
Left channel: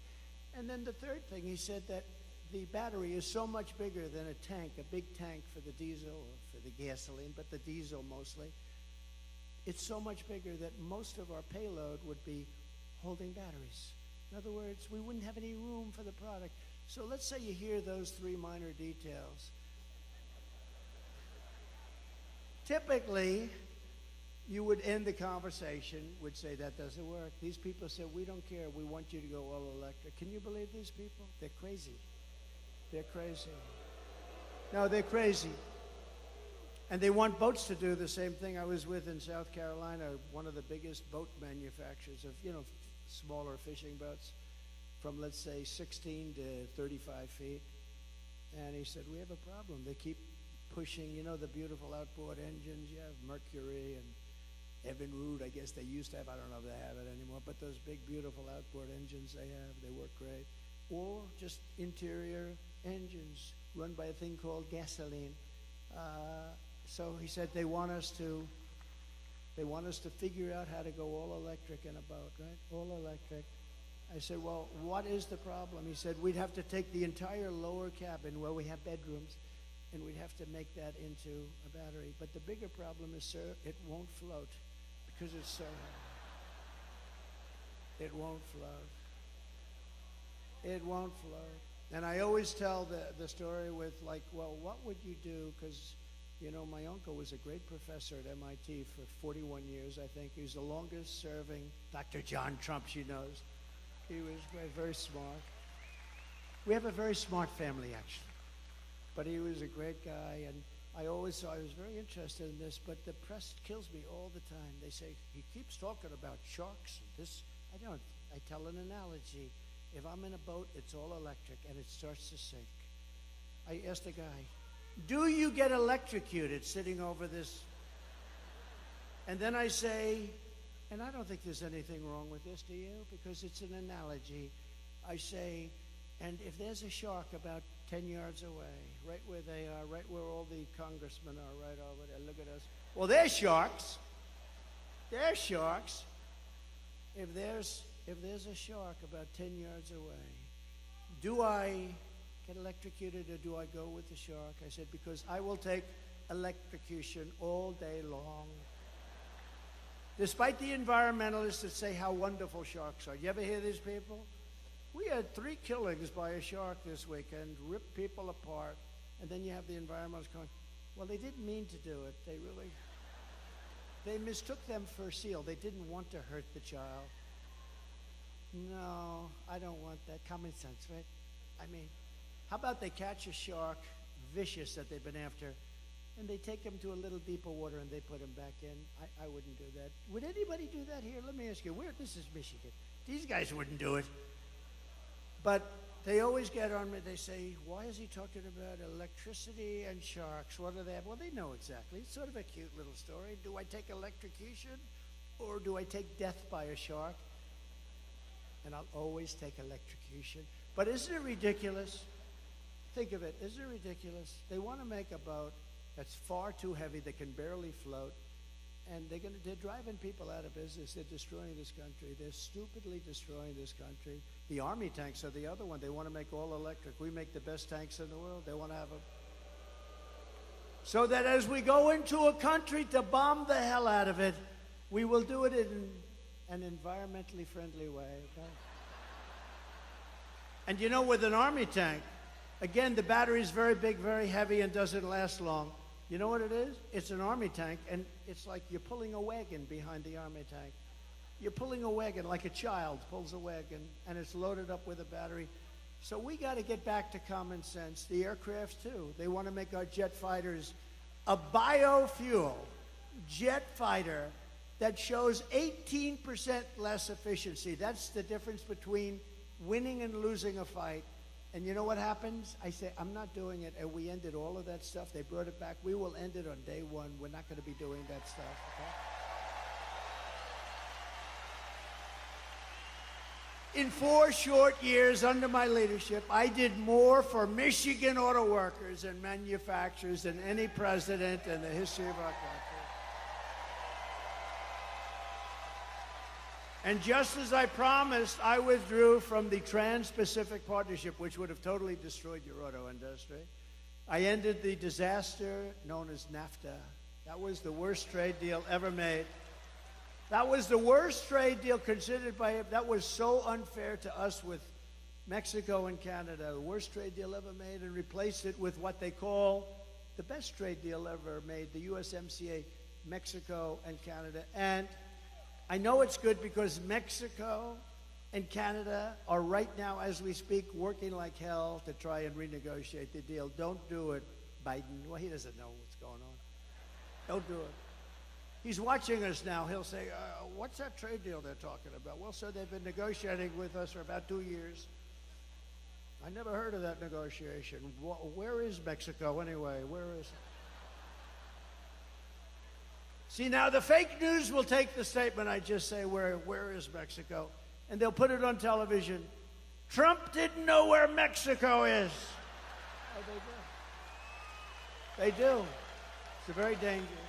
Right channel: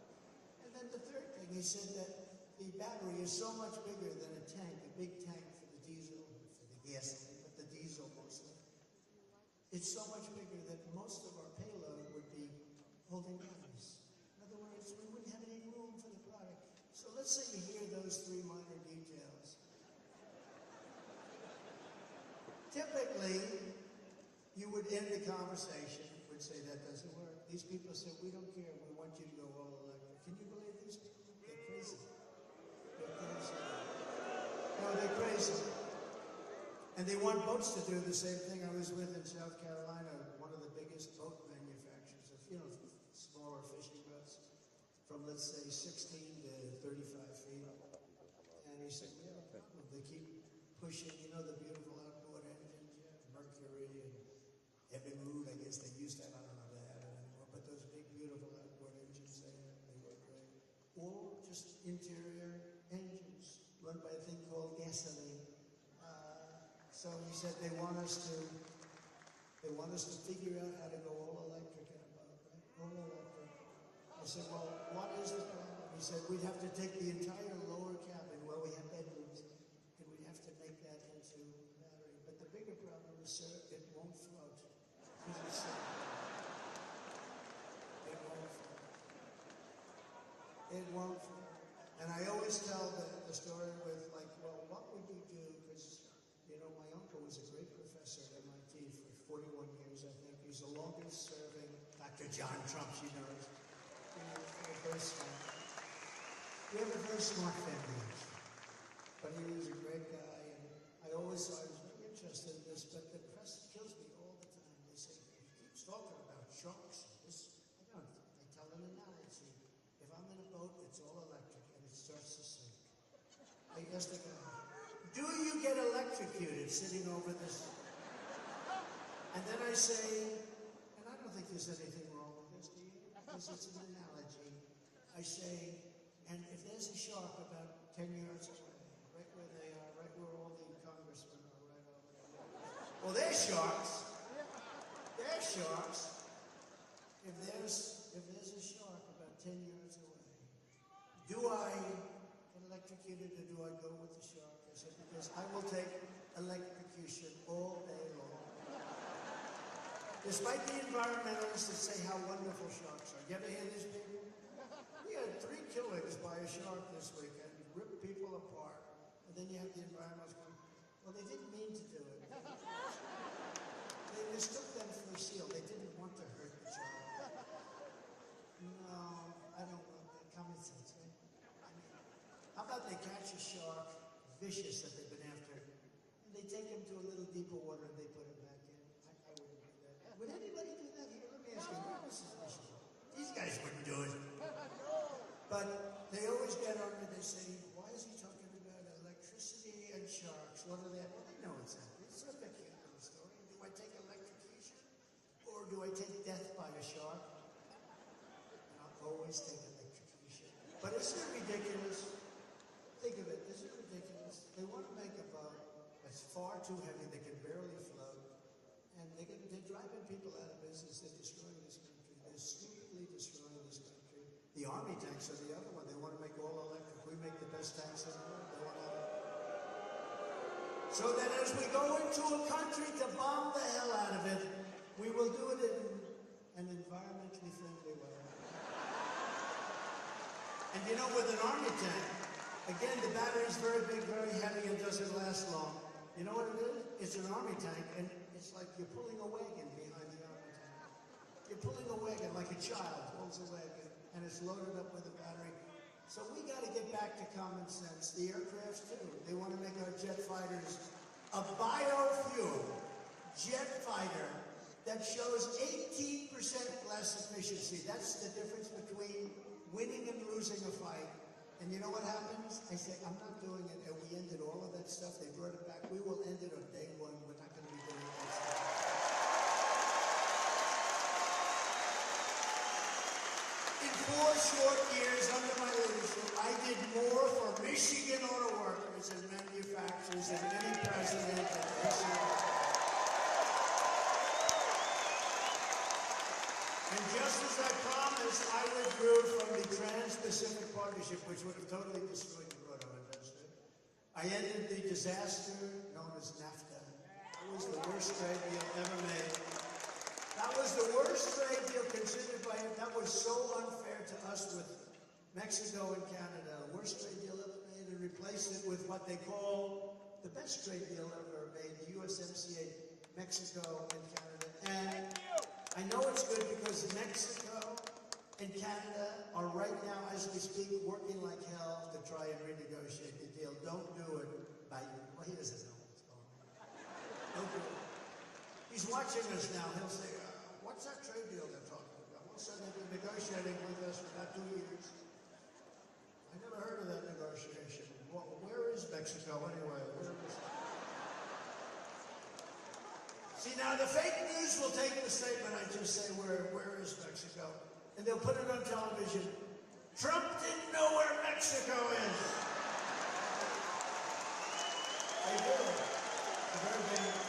And then the third thing, he said that the battery is so much bigger than a tank, a big tank for the diesel, or for the gasoline, but the diesel mostly. It's so much bigger that most of our payload would be holding batteries. In other words, we wouldn't have any room for the product. So let's say you hear those 3 minor details. Typically, you would end the conversation, would say that doesn't work. These people say, we don't care, we want you to go all electric. Can you believe these people? They're crazy. They're crazy. No, they're crazy. And they want boats to do the same thing. I was with in South Carolina, one of the biggest boat manufacturers of, smaller fishing boats from, let's say, 16 to 35 feet. And he said, we have a problem. They keep pushing, the beautiful outboard engines. You have Mercury and Evinrude, I guess they used to have. I don't know if they have it anymore. But those big, beautiful outboard engines they have, they work great. Or just interior engines run by a thing called gasoline. So he said they want us to figure out how to go all electric in a boat, right? All electric. I said, well, what is the problem? He said, we'd have to take the entire lower cabin where we have bedrooms, and we'd have to make that into a battery. But the bigger problem is, sir, it won't float because it's so it won't float. It won't float. And I always tell the story with like, well, what would you do? Because my uncle was a great professor at MIT for 41 years, I think. He was the longest serving Dr. John Trump, she knows. He was very, very smart. We have a very smart family, actually. But he was a great guy, and I always thought I was very interested in this, but the press kills me all the time. They say, he keeps talking about sharks. I don't. I tell an analogy. If I'm in a boat, it's all electric, and it starts to sink. I asked the guy, do you get electrocuted sitting over this? And then I say, and I don't think there's anything wrong with this, do you? Because it's an analogy. I say, and if there's a shark about 10 yards away, right where they are, right where all the congressmen are, right over there, look at us. Well, they're sharks. They're sharks. If there's a shark about 10 yards away, do I get electrocuted or do I go with the shark? I said, because I will take electrocution all day long. Despite the environmentalists that say how wonderful sharks are. You ever hear these people? We had 3 killings by a shark this weekend, ripped people apart, and then you have the environmentalists going, well, they didn't mean to do it. They mistook them for a seal. They didn't want to hurt the child. No, I don't want that. Common sense, right? I mean, how about they catch a shark, vicious that they've been after, and they take him to a little deeper water and they put him back in? I wouldn't do that. Would anybody do that here? Let me ask you, this is Michigan. These guys wouldn't do it. But they always get on me. They say, why is he talking about electricity and sharks? What are they? Well, they know exactly. It's sort of a cute little story. Do I take electrocution or do I take death by a shark? And I'll always take electrocution. But isn't it ridiculous? Think of it. Isn't it ridiculous? They want to make a boat that's far too heavy, that can barely float, And they're driving people out of business. They're destroying this country. They're stupidly destroying this country. The Army tanks are the other one. They want to make all electric. We make the best tanks in the world. They want to have it. So that as we go into a country to bomb the hell out of it, we will do it in an environmentally friendly way. Okay? And you know, with an Army tank, again, the battery is very big, very heavy, and doesn't last long. You know what it is? It's an Army tank, and it's like you're pulling a wagon behind the Army tank. You're pulling a wagon like a child pulls a wagon, and it's loaded up with a battery. So we got to get back to common sense. The aircraft, too. They want to make our jet fighters a biofuel jet fighter that shows 18% less efficiency. That's the difference between winning and losing a fight. And you know what happens? I say, I'm not doing it, and we ended all of that stuff. They brought it back. We will end it on day one. We're not going to be doing that stuff. In 4 short years under my leadership, I did more for Michigan auto workers and manufacturers than any president in the history of our country. And just as I promised, I withdrew from the Trans-Pacific Partnership, which would have totally destroyed your auto industry. I ended the disaster known as NAFTA. That was the worst trade deal ever made. That was the worst trade deal considered by him. That was so unfair to us with Mexico and Canada. The worst trade deal ever made, and replaced it with what they call the best trade deal ever made, the USMCA, Mexico and Canada. And I know it's good because Mexico and Canada are right now, as we speak, working like hell to try and renegotiate the deal. Don't do it, Biden. Well, he doesn't know what's going on. Don't do it. He's watching us now. He'll say, what's that trade deal they're talking about? Well, sir, they've been negotiating with us for about 2 years. I never heard of that negotiation. Where is Mexico anyway? Where is... See, now the fake news will take the statement I just say, where is Mexico? And they'll put it on television. Trump didn't know where Mexico is. They do. It's very dangerous.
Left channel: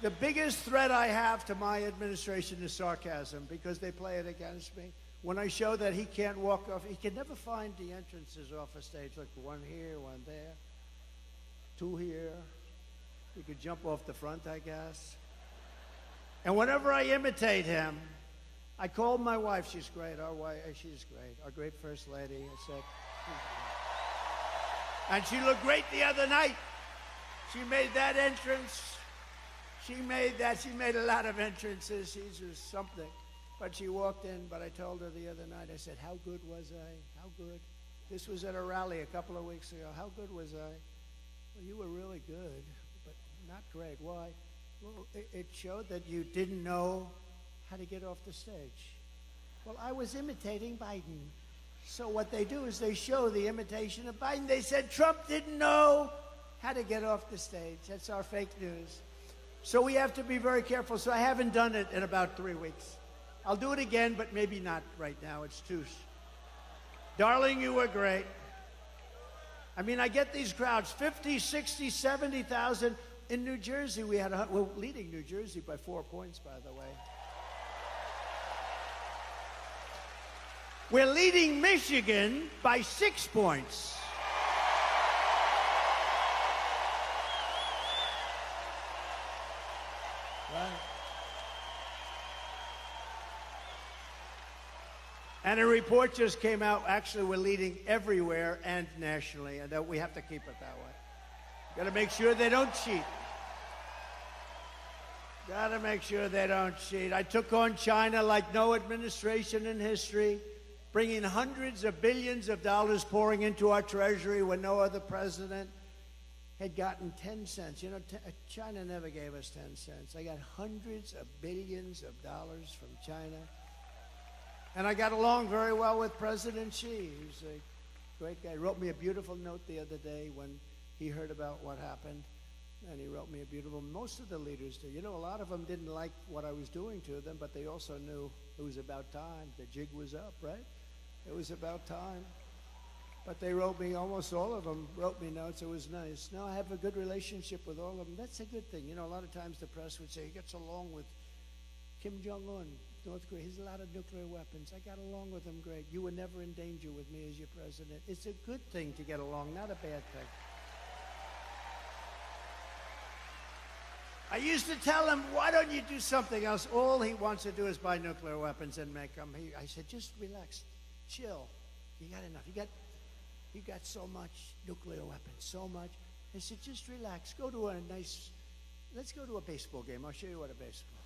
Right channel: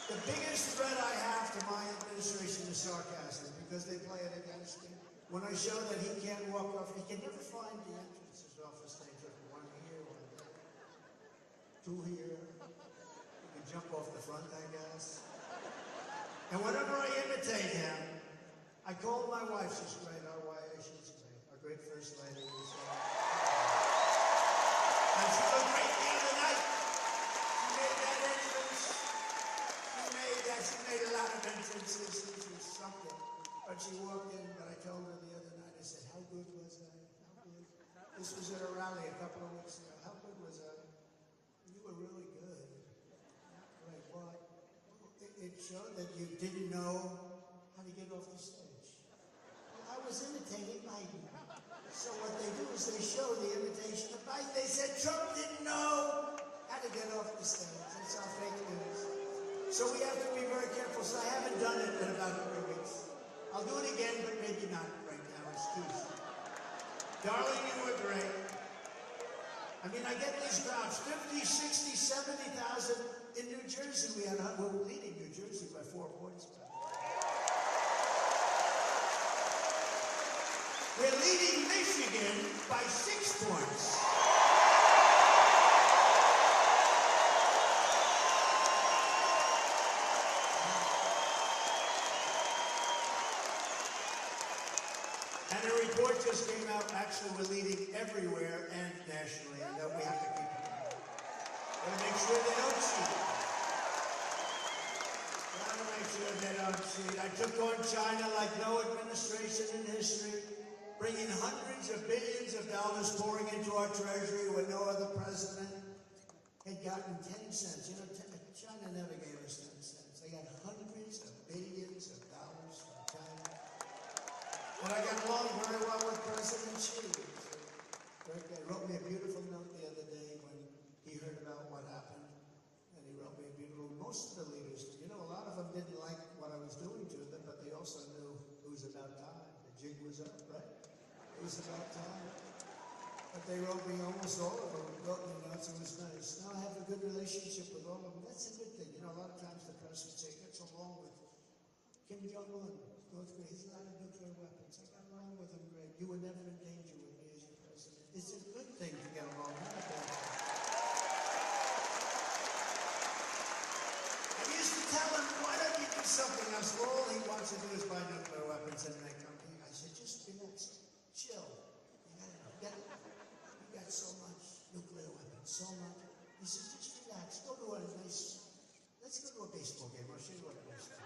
The biggest threat I have to my administration is sarcasm, because they play it against me. When I show that he can't walk off, he can never find the entrances off a stage. Like one here, one there, 2 here. We could jump off the front, I guess. And whenever I imitate him, I call my wife. She's great. She's great. Our great First Lady. So, and she looked great the other night. She made that entrance. She made a lot of entrances. She was something. But she walked in, but I told her the other night, I said, how good was I? How good? This was at a rally a couple of weeks ago. How good was I? Well, you were really good, but not great. Why? Well, it showed that you didn't know how to get off the stage. Well, I was imitating Biden. So what they do is they show the imitation of Biden. They said Trump didn't know how to get off the stage. That's our fake news. So we have to be very careful. So I haven't done it in about 3 weeks. I'll do it again, but maybe not right now. It's too soon. Darling, you were great. I mean, I get these crowds, 50, 60, 70,000. In New Jersey, we're leading New Jersey by 4 points, by the way. We're leading Michigan by 6 points. And a report just came out, actually we're leading everywhere and nationally, and that we have to keep it that way. Gotta make sure they don't cheat. Gotta make sure they don't cheat. I took on China like no administration in history, bringing hundreds of billions of dollars pouring into our treasury when no other president had gotten 10 cents. You know, China never gave us 10 cents. I got hundreds of billions of dollars from China. And I got along very well with President Xi. He's a great guy. He wrote me a beautiful note the other day when he heard about what happened. And he wrote me a beautiful, most of the leaders do. You know, a lot of them didn't like what I was doing to them, but they also knew it was about time. The jig was up, right? It was about time. But they wrote me, almost all of them wrote me notes. It was nice. Now I have a good relationship with all of them. That's a good thing. You know, a lot of times the press would say he gets along with Kim Jong-un, North Korea. He has a lot of nuclear weapons. I got along with him great. You were never in danger with me as your president. It's a good thing to get along, not a bad thing. I used to tell him, why don't you do something else? All he wants to do is buy nuclear weapons and make them. I said, just relax, chill. You got enough. You got so much nuclear weapons, so much. I said, just relax. Let's go to a baseball game. I'll show you what a baseball.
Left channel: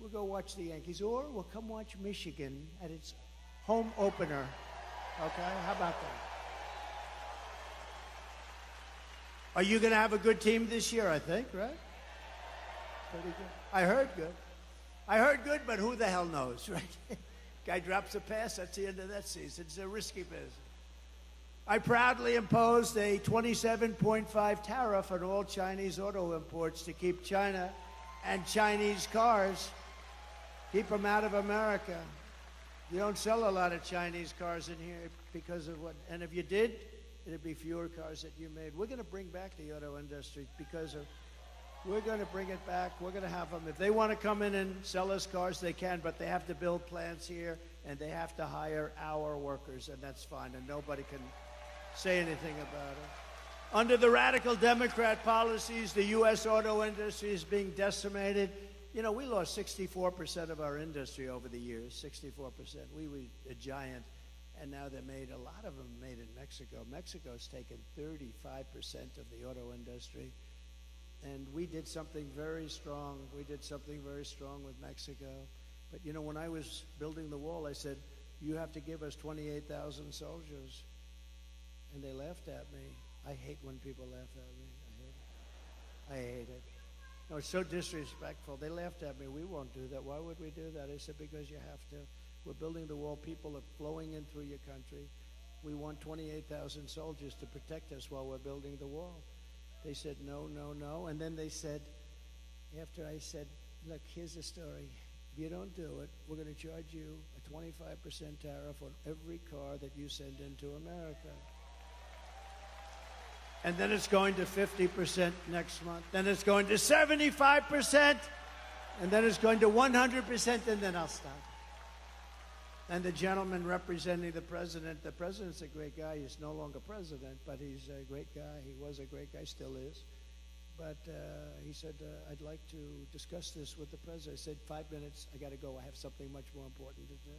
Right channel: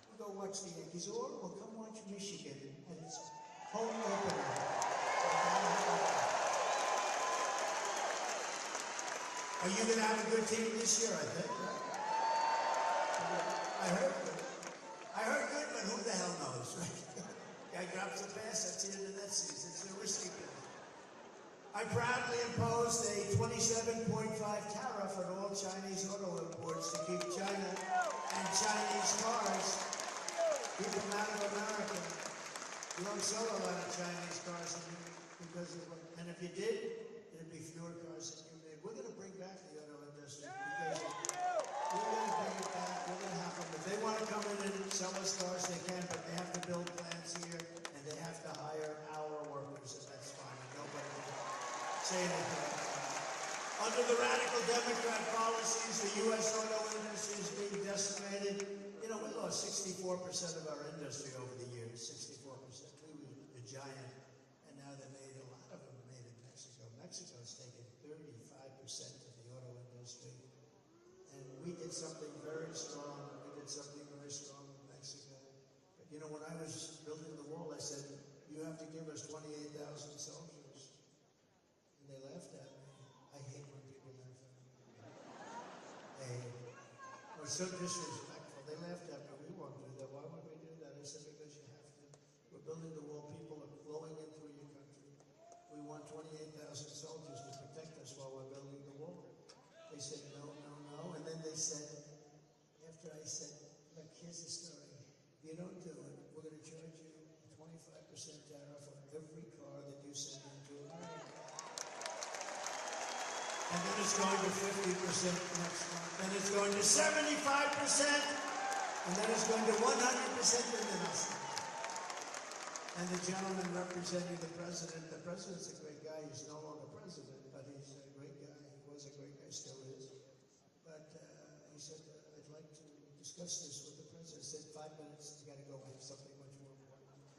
We'll go watch the Yankees, or we'll come watch Michigan at its home opener. Okay, how about that? Are you going to have a good team this year, I think, right? I heard good, but who the hell knows, right? Guy drops a pass, that's the end of that season. It's a risky business. I proudly imposed a 27.5 tariff on all Chinese auto imports to keep China and Chinese cars, keep them out of America. We don't sell a lot of Chinese cars in here because of what, and if you did, it'd be fewer cars that you made. We're going to bring back the auto industry because we're going to bring it back. We're going to have them. If they want to come in and sell us cars, they can, but they have to build plants here, and they have to hire our workers, and that's fine, and nobody can say anything about it. Under the radical Democrat policies, the U.S. auto industry is being decimated. You know, we lost 64% of our industry over the years, 64%. We were a giant, and now they're made, a lot of them made in Mexico. Mexico's taken 35% of the auto industry, and we did something very strong. We did something very strong with Mexico. But, you know, when I was building the wall, I said, you have to give us 28,000 soldiers. And they laughed at me. I hate when people laugh at me. I hate it. Oh, it's so disrespectful. They laughed at me. We won't do that. Why would we do that? I said, because you have to. We're building the wall. People are flowing in through your country. We want 28,000 soldiers to protect us while we're building the wall. They said, no, no, no. And then they said, after I said, look, here's the story. If you don't do it, we're going to charge you a 25% tariff on every car that you send into America. And then it's going to 50% next month. Then it's going to 75%. And then it's going to 100%, and then us. And the gentleman representing the president's a great guy. He's no longer president, but he's a great guy. He was a great guy, still is. But he said, I'd like to discuss this with the president. I said, 5 minutes, I got to go. I have something much more important to do.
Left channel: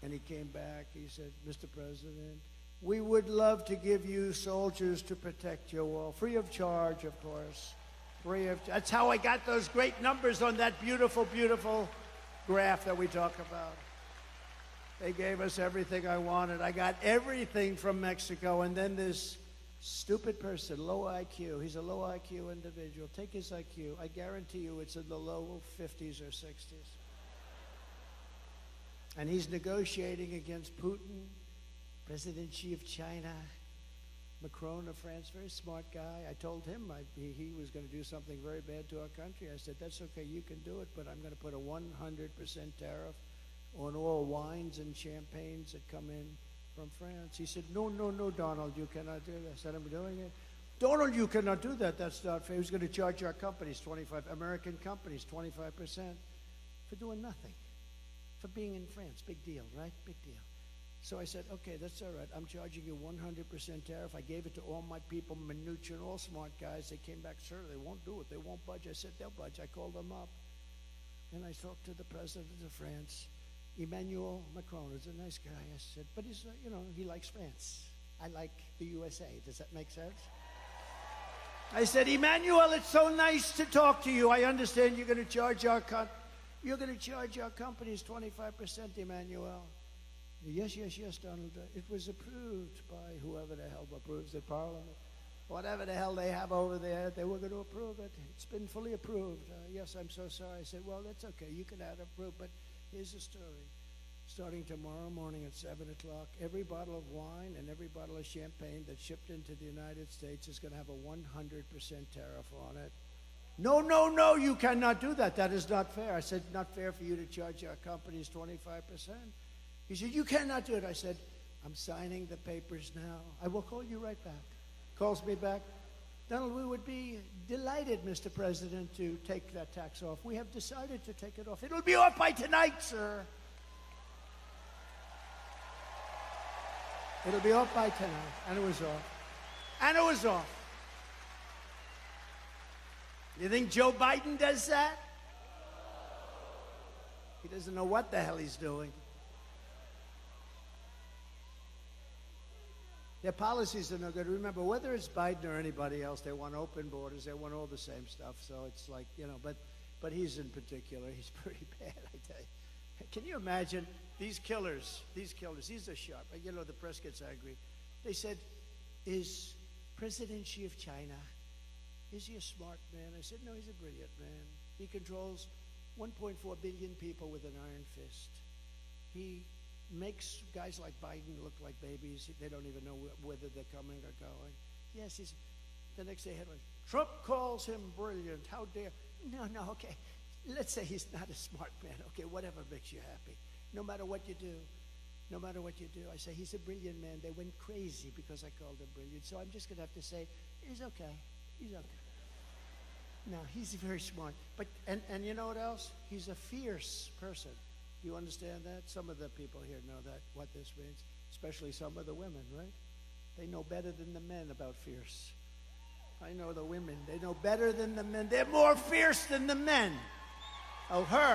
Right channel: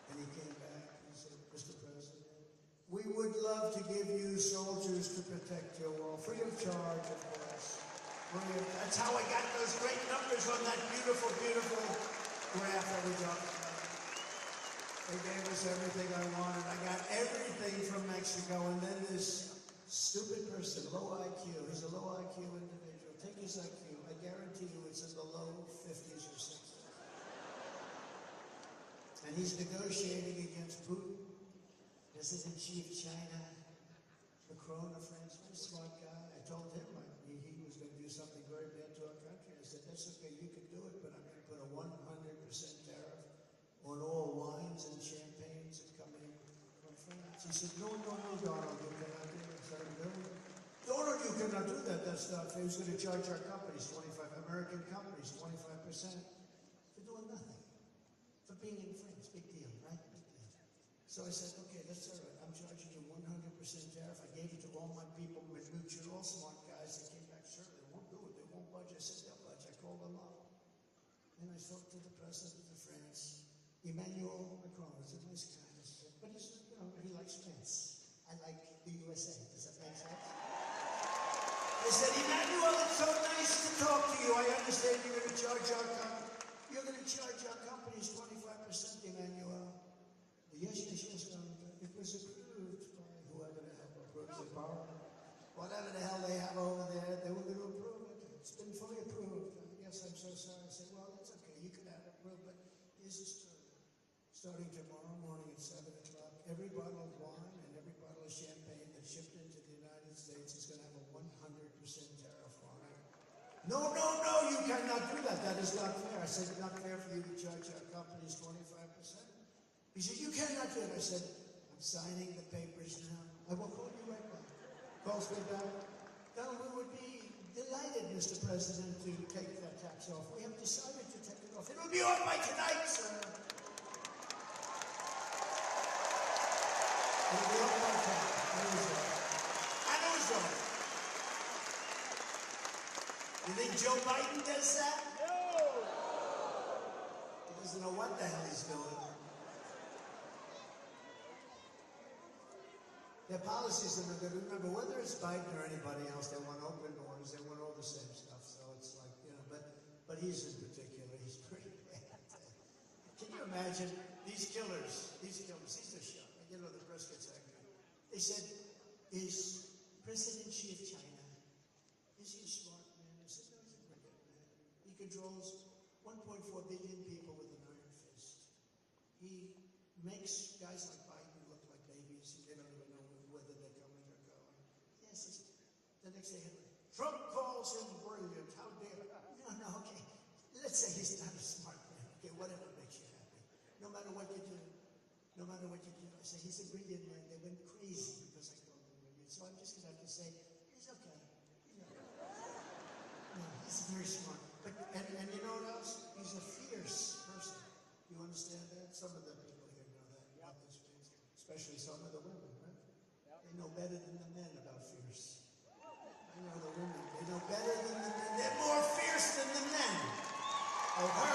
And he came back. He said, Mr. President, we would love to give you soldiers to protect your wall, free of charge, of course. That's how I got those great numbers on that beautiful, beautiful graph that we talked about. They gave us everything I wanted. I got everything from Mexico, and then this stupid person, low IQ, he's a low IQ individual. Take his IQ. I guarantee you it's in the low 50s or 60s. And he's negotiating against Putin, President Xi of China, Macron of France, very smart guy. I told him he was going to do something very bad to our country. I said, that's okay, you can do it, but I'm going to put a 100% tariff on all wines and champagnes that come in from France. He said, no, no, no, Donald, you cannot do it. I said, I'm doing it. Donald, you cannot do that. That's not fair. He's going to charge our companies, American companies, 25% for doing nothing, for being in France. Big deal, right? Big deal. So I said, okay, that's all right. I'm charging you 100% tariff. I gave it to all my people, Mnuchin, all smart guys. They came back, sir, they won't do it. They won't budge. I said, they'll budge. I called them up. And I talked to the president of France, Emmanuel Macron. He's a nice guy. I said, but he's, you know, he likes France. I like the USA. Does that make sense? I said, Emmanuel, it's so nice to talk to you. I understand you're going to charge our companies 25%, Emmanuel. Yes, Donald. It was approved by whoever the hell approves the power. Whatever the hell they have over there, they were going to approve it. It's been fully approved. Yes, I'm so sorry. I said, well, that's okay. You can have it approved, but here's the story. Starting tomorrow morning at 7 o'clock, every bottle of wine and every bottle of champagne that's shipped into the United States is going to have a 100% tariff on it. No, no, no, you cannot do that. That is not fair. I said, it's not fair for you to charge our companies 25%. He said, you cannot do it. I said, I'm signing the papers now. I will call you right back. Calls me back. No, we would be delighted, Mr. President, to take that tax off. We have decided to take it off. It'll be off by tonight, sir. It'll be off by tonight. And it was off. And it was off. You think Joe Biden does that? He doesn't know what the hell he's doing. Their policies are no good. Remember, whether it's Biden or anybody else, they want open borders. They want all the same stuff. So it's like, you know, but he's in particular, he's pretty bad, I tell you. Can you imagine these killers, he's a shot. You know, the press gets angry. They said, is President Xi of China, is he a smart man? I said, no, he's a brilliant man. He controls 1.4 billion people with an iron fist. He makes guys like Biden look like babies. They don't even know whether they're coming or going. Yes, the next day headline, Trump calls him brilliant. How dare? No, okay. Let's say he's not a smart man. Okay, whatever makes you happy. No matter what you do, I say he's a brilliant man. They went crazy because I called him brilliant. So I'm just going to have to say, he's okay. No, he's very smart. But and you know what else? He's a fierce person. You understand that? Some of the people here know that, what this means, especially some of the women, right? They know better than the men about fierce. I know the women, they know better than the men. They're more fierce than the men. Oh, her.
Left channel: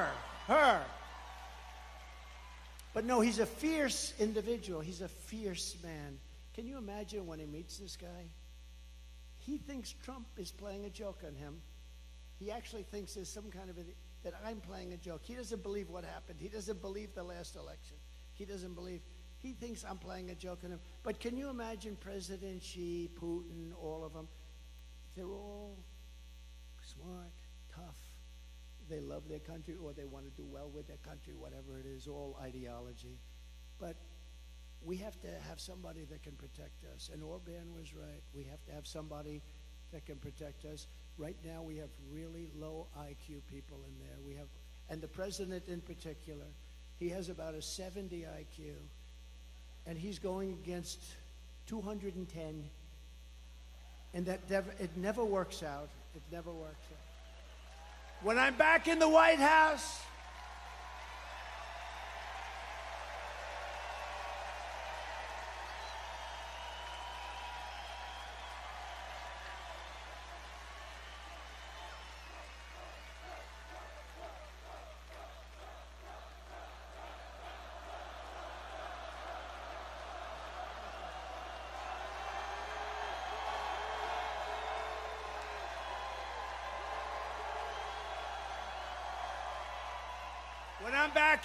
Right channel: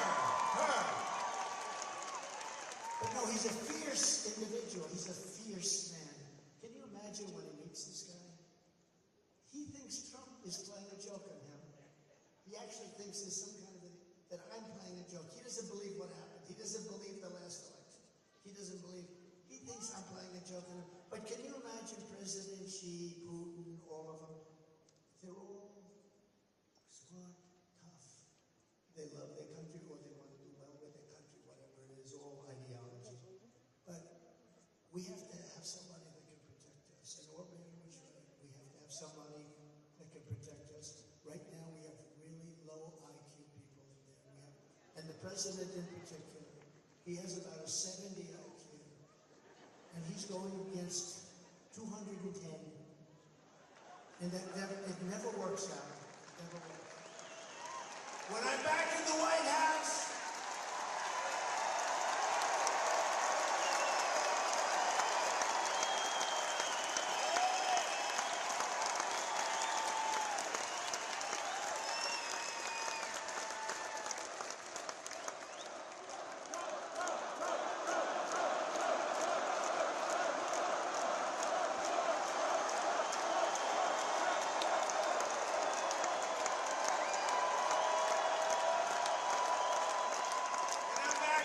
But no, he's a fierce individual. He's a fierce man. Can you imagine when he meets this guy? He thinks Trump is playing a joke on him. He actually thinks there's some kind of that I'm playing a joke. He doesn't believe what happened. He doesn't believe the last election. He thinks I'm playing a joke on him. But can you imagine President Xi, Putin, all of them? They're all smart, tough. They love their country or they want to do well with their country, whatever it is, all ideology. But we have to have somebody that can protect us. And Orban was right. We have to have somebody that can protect us. Right now, we have really low IQ people in there. And the president in particular, he has about a 70 IQ, and he's going against 210, and it never works out. It never works out. When I'm back in the White House,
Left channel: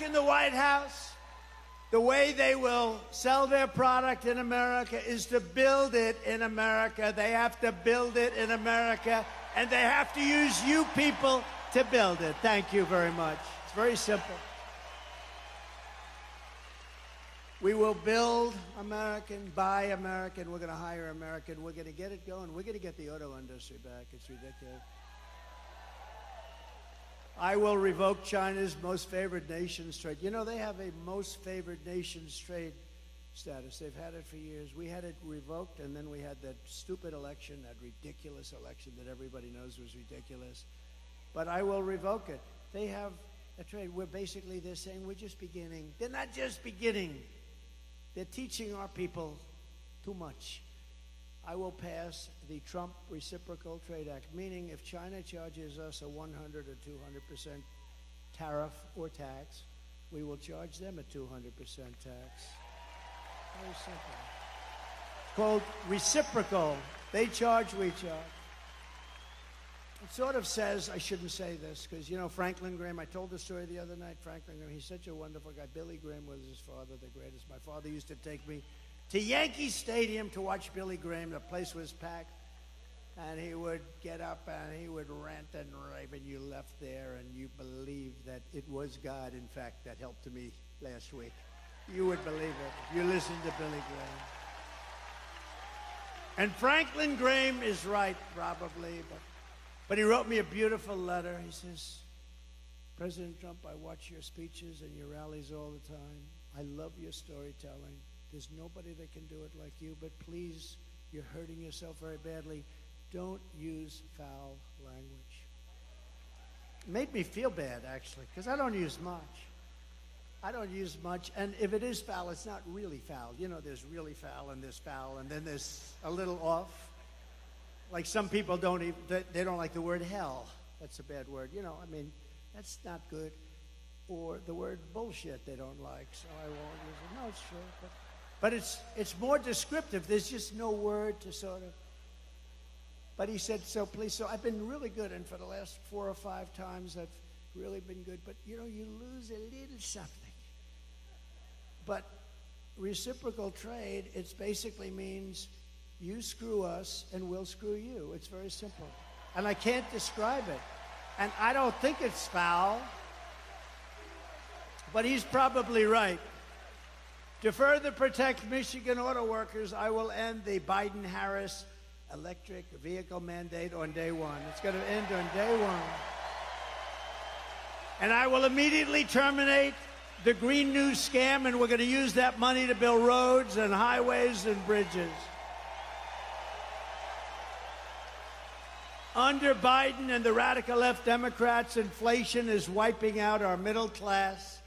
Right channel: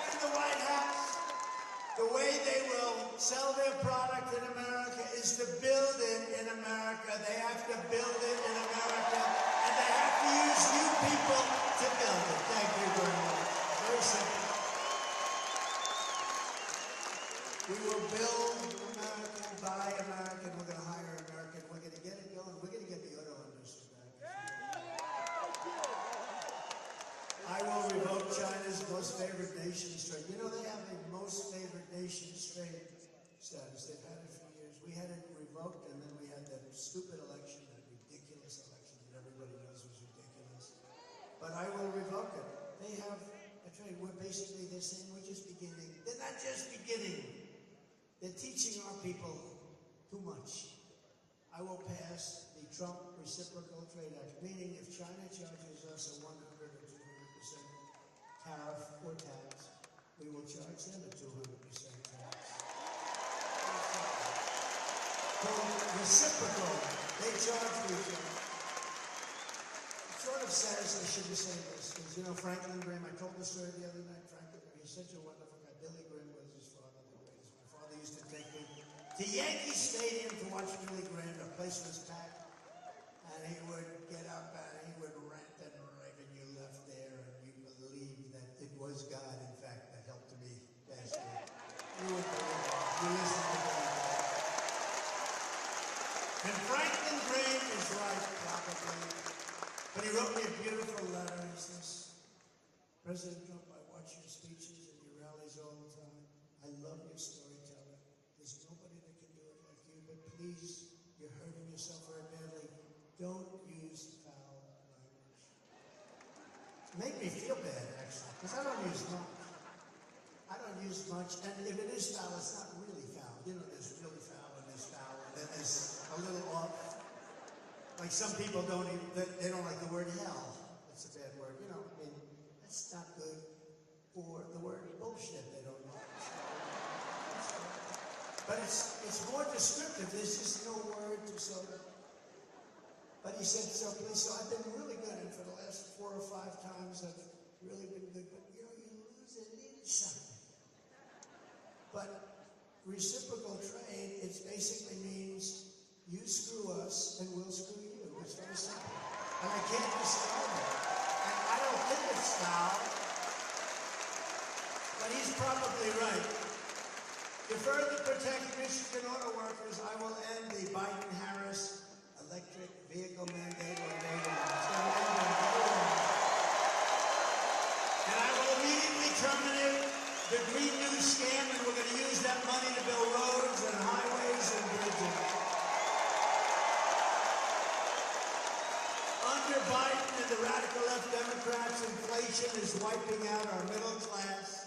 in the White House, the way they will sell their product in America is to build it in America. They have to build it in America, and they have to use you people to build it. Thank you very much. Very simple. We will build American, buy American, we're going to hire American, we're going to get it going. We're going to get the auto industry back. It's ridiculous. I will revoke China's most favored nations trade. You know, they have a most favored nations trade status. They've had it for years. We had it revoked, and then we had that stupid election, that ridiculous election that everybody knows was ridiculous. But I will revoke it. They have a trade where basically they're saying we're just beginning. They're not just beginning. They're teaching our people too much. I will pass the Trump Reciprocal Trade Act, meaning if China charges us a 100 or 200% tariff or tax, we will charge them a 200% tax. Called reciprocal. They charge, we charge. It sort of says, I shouldn't say this, because, you know, Franklin Graham, I told the story the other night, Franklin Graham, he's such a wonderful guy. Billy Graham was his father, the greatest. My father used to take me to Yankee Stadium to watch Billy Graham. The place was packed, and he would get up and he would rant and rave, and you left there and you believed that it was God, in fact, that helped me last week. You would believe it. You listened to Billy Graham. And Franklin Graham is right, probably. But he wrote me a beautiful letter. He says, President Trump, I watch your speeches and your rallies all the time. I love your storytelling. There's nobody that can do it like you, but please, you're hurting yourself very badly. Don't use foul language. It made me feel bad, actually, because I don't use much. I don't use much, and if it is foul, it's not really foul. You know, there's really foul, and there's foul, and then there's a little off. Like some people don't even, they don't like the word hell. That's a bad word. You know, I mean, that's not good. Or the word bullshit they don't like. So, but it's more descriptive. There's just no word to sort of. But he said, so please, so I've been really good, and for the last 4 or 5 times I've really been good, but you know, you lose it, it is something. But reciprocal trade, it basically means you screw us and we'll screw you. It's very simple. And I can't describe it. And I don't think it's foul, but he's probably right. To further protect Michigan auto workers, I will end the Biden-Harris electric vehicle mandate on day one. It's going to end on day one. And I will immediately terminate the Green New scam, and we're going to use that money to build roads and highways and bridges. Under Biden and the radical left Democrats, inflation is wiping out our middle class.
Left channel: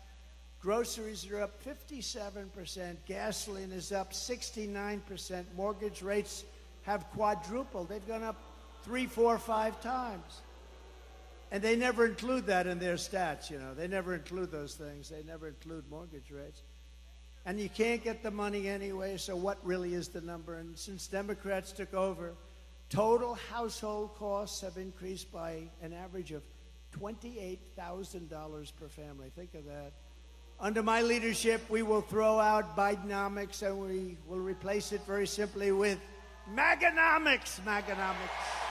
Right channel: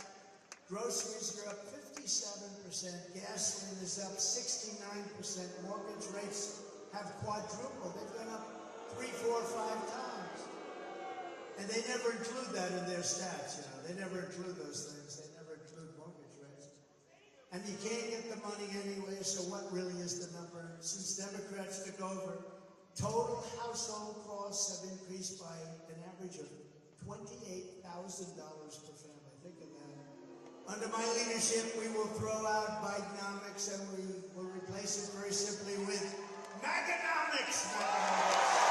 Groceries are up 57%. Gasoline is up 69%. Mortgage rates have quadrupled. They've gone up 3, 4, 5 times. And they never include that in their stats, you know. They never include those things. They never include mortgage rates. And you can't get the money anyway, so what really is the number? And since Democrats took over, total household costs have increased by an average of $28,000 per family. Think of that. Under my leadership, we will throw out Bidenomics and we will replace it very simply with Maganomics. Maganomics.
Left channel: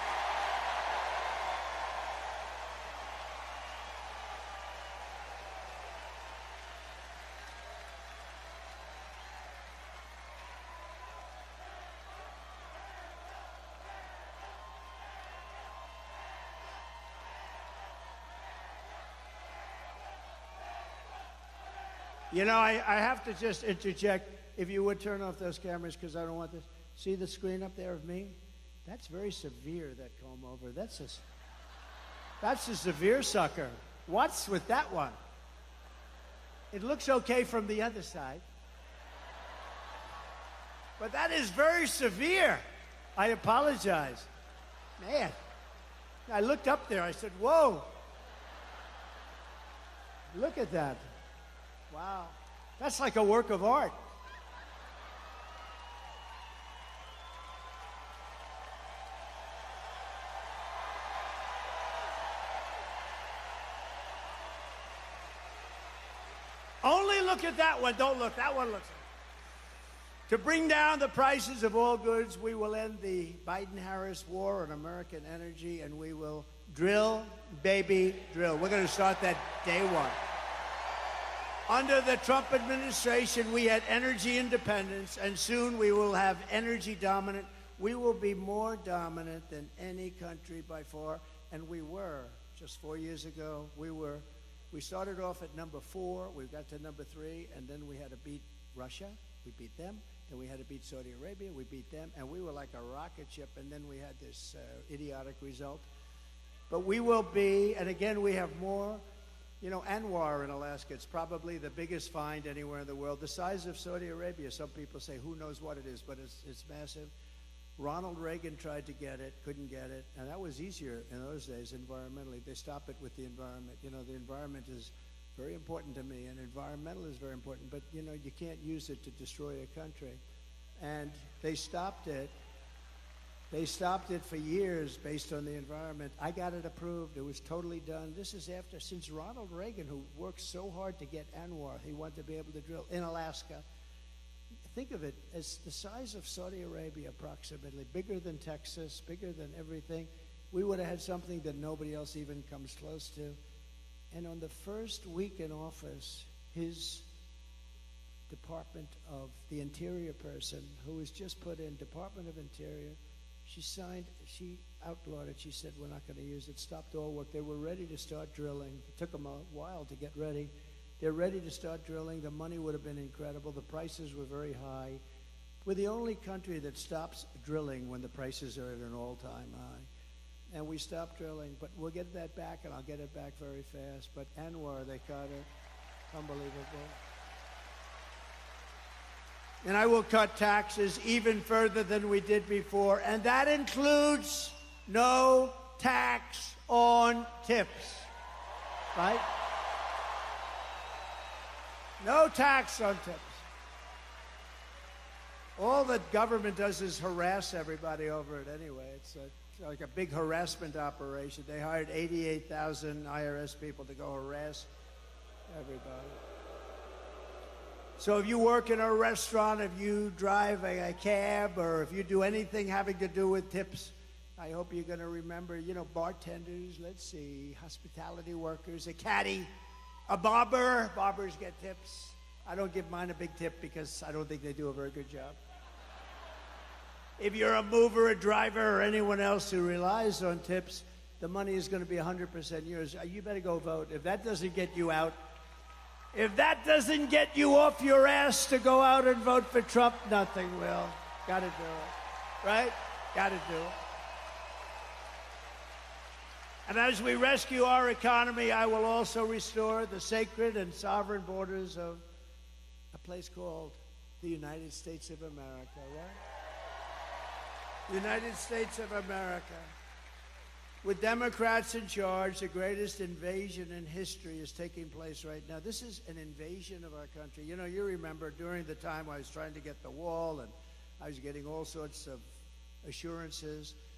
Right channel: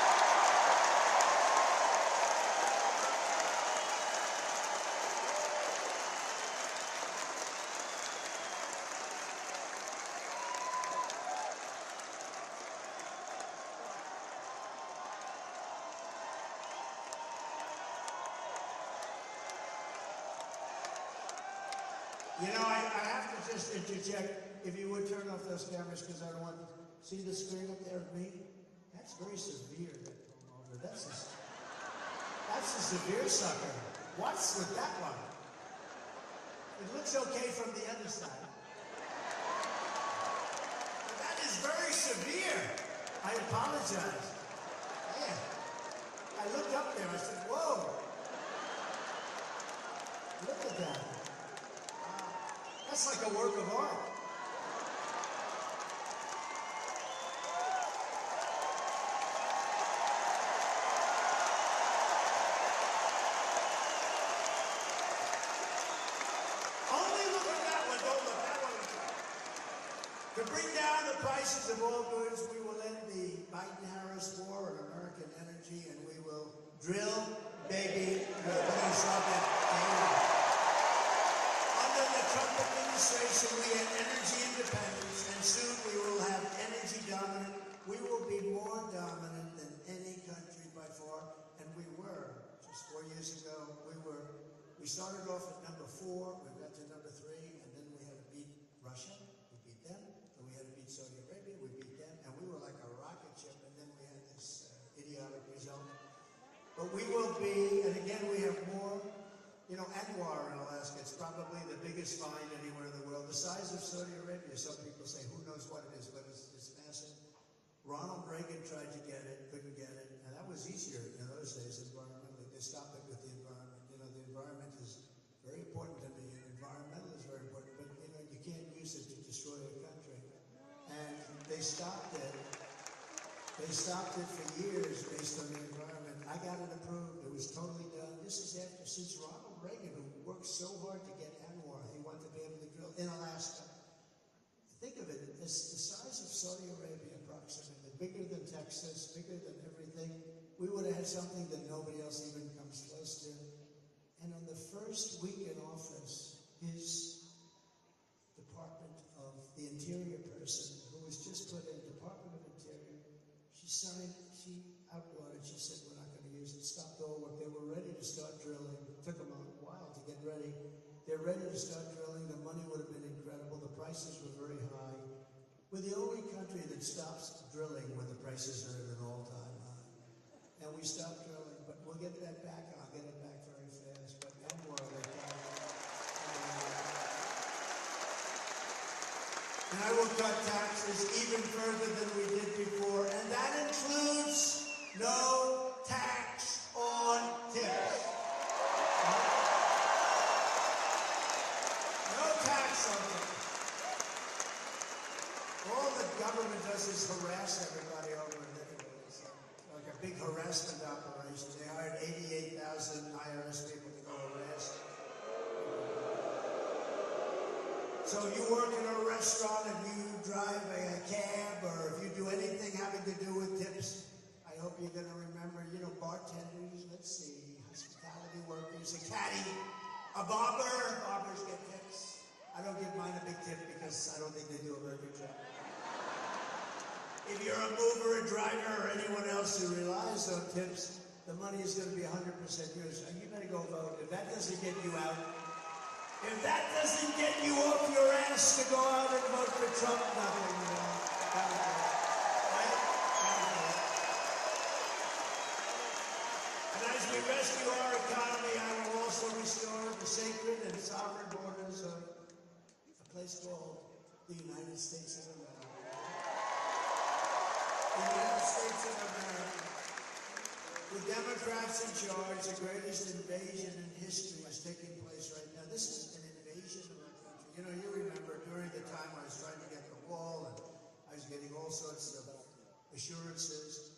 You know, I have to just interject, if you would turn off those cameras, because I don't want this. See the screen up there of me? That's very severe, that comb over. That's a severe sucker. What's with that one? It looks okay from the other side. But that is very severe. I apologize. Man, I looked up there, I said, whoa. Look at that. Wow. That's like a work of art. Only look at that one. Don't look. That one looks. To bring down the prices of all goods, we will end the Biden-Harris war on American energy, and we will drill, baby, drill. We're going to start that day one. Under the Trump administration, we had energy independence, and soon we will have energy dominant. We will be more dominant than any country by far, and we were. Just 4 years ago, we started off at number 4, we got to number 3, and then we had to beat Russia, we beat them, and we had to beat Saudi Arabia, we beat them, and we were like a rocket ship, and then we had this idiotic result. But we will be, and again, we have more. You know, Anwar in Alaska, it's probably the biggest find anywhere in the world. The size of Saudi Arabia, some people say, who knows what it is, but it's massive. Ronald Reagan tried to get it, couldn't get it, and that was easier in those days environmentally. They stopped it with the environment. You know, the environment is very important to me, and environmental is very important, but, you know, you can't use it to destroy a country. And they stopped it. They stopped it for years based on the environment. I got it approved. It was totally done. This is since Ronald Reagan, who worked so hard to get Anwar, he wanted to be able to drill in Alaska. Think of it as the size of Saudi Arabia, approximately, bigger than Texas, bigger than everything. We would have had something that nobody else even comes close to. And on the first week in office, his Department of the Interior person, who was just put in, Department of Interior, she outlawed it. She said, we're not going to use it. Stopped all work. They were ready to start drilling. It took them a while to get ready. They're ready to start drilling. The money would have been incredible. The price prices were very high. We're the only country that stops drilling when the prices are at an all-time high. And we stopped drilling, but we'll get that back, and I'll get it back very fast. But Anwar, they got it. Unbelievable. And I will cut taxes even further than we did before, and that includes no tax on tips. Right? No tax on tips. All the government does is harass everybody over it anyway. It's like a big harassment operation. They hired 88,000 IRS people to go harass everybody. So if you work in a restaurant, if you drive a cab, or if you do anything having to do with tips, I hope you're going to remember, bartenders, let's see, hospitality workers, a caddy, a barber. Barbers get tips. I don't give mine a big tip because I don't think they do a very good job. If you're a mover, a driver, or anyone else who relies on tips, the money is going to be 100% yours. You better go vote. If that doesn't get you out, if that doesn't get you off your ass to go out and vote for Trump, nothing will. Gotta do it. Right? Gotta do it. And as we rescue our economy, I will also restore the sacred and sovereign borders of a place called the United States of America. United States of America. With Democrats in charge, the greatest invasion in history is taking place right now. This is an invasion of our country. You remember during the time I was trying to get the wall, and I was getting all sorts of assurances,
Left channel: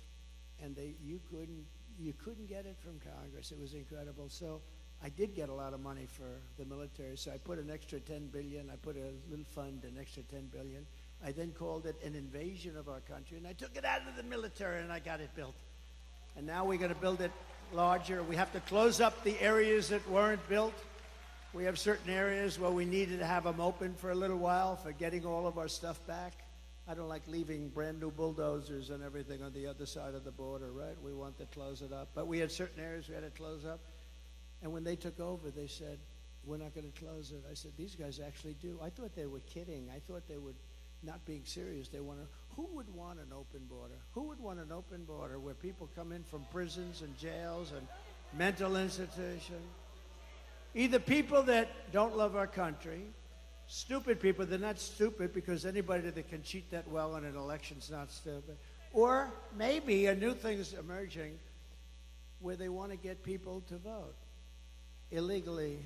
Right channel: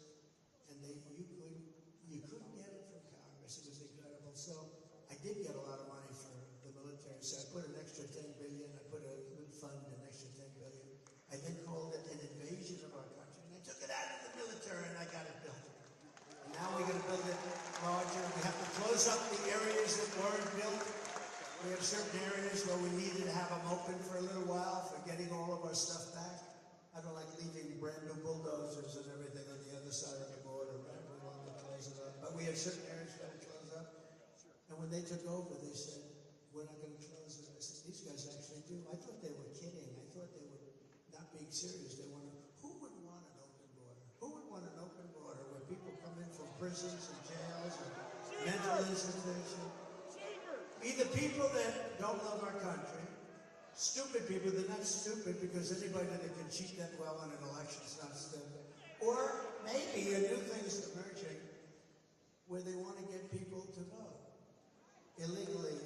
and you couldn't get it from Congress. It was incredible. So I did get a lot of money for the military. So I put an extra $10 billion. I put a little fund, an extra $10 billion. I then called it an invasion of our country, and I took it out of the military, and I got it built. And now we're going to build it larger. We have to close up the areas that weren't built. We have certain areas where we needed to have them open for a little while for getting all of our stuff back. I don't like leaving brand new bulldozers and everything on the other side of the border, right? We want to close it up. But we had certain areas we had to close up. And when they took over, they said, we're not going to close it. I said, these guys actually do. I thought they were kidding. I thought they were not being serious. Who would want an open border? Who would want an open border where people come in from prisons and jails and mental institutions? Either people that don't love our country, stupid people. They're not stupid because anybody that can cheat that well in an election's not stupid. Or maybe a new thing's emerging where they want to get people to vote illegally,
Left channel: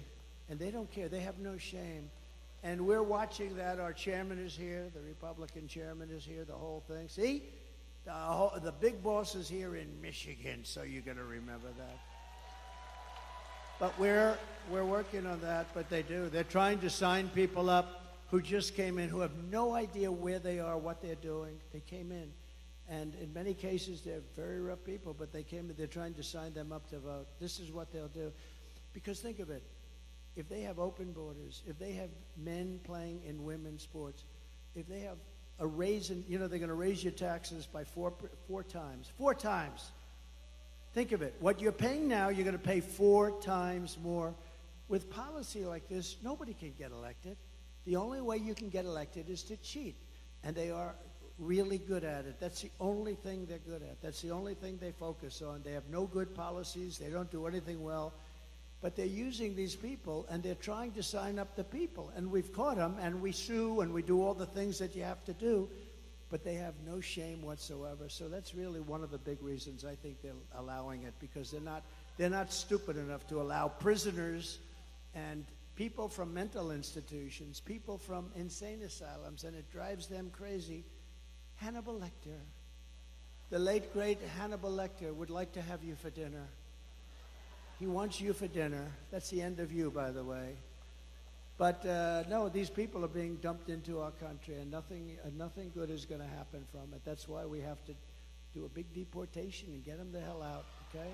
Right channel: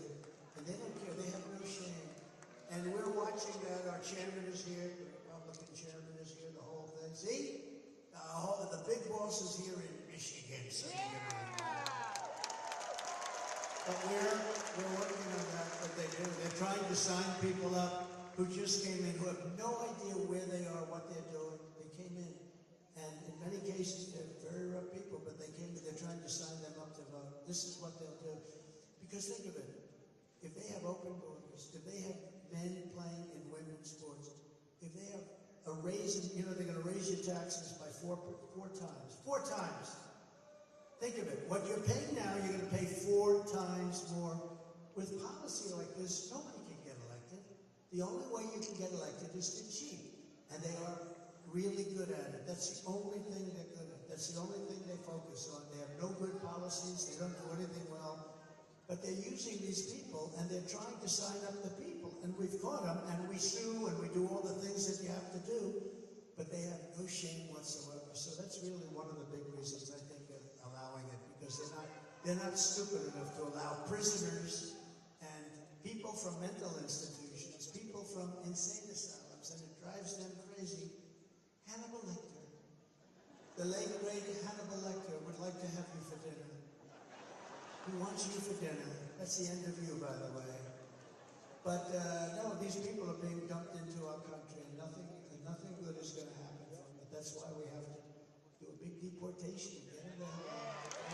and they don't care. They have no shame. And we're watching that. Our chairman is here. The Republican chairman is here. The whole thing. See? The big boss is here in Michigan, so you're going to remember that. But we're working on that, but they do. They're trying to sign people up who just came in, who have no idea where they are, what they're doing. They came in. And in many cases, they're very rough people, but they came in. They're trying to sign them up to vote. This is what they'll do. Because think of it. If they have open borders, if they have men playing in women's sports, if they have a raise in, they're going to raise your taxes by four times. 4 times. Think of it. What you're paying now, you're going to pay 4 times more. With policy like this, nobody can get elected. The only way you can get elected is to cheat. And they are really good at it. That's the only thing they're good at. That's the only thing they focus on. They have no good policies. They don't do anything well. But they're using these people, and they're trying to sign up the people. And we've caught them, and we sue, and we do all the things that you have to do. But they have no shame whatsoever. So that's really one of the big reasons I think they're allowing it, because they're not stupid enough to allow prisoners and people from mental institutions, people from insane asylums, and it drives them crazy. Hannibal Lecter, the late, great Hannibal Lecter, would like to have you for dinner. He wants you for dinner. That's the end of you, by the way. But no, these people are being dumped into our country, and nothing good is going to happen from it. That's why we have to do a big deportation and get them the hell out. Okay?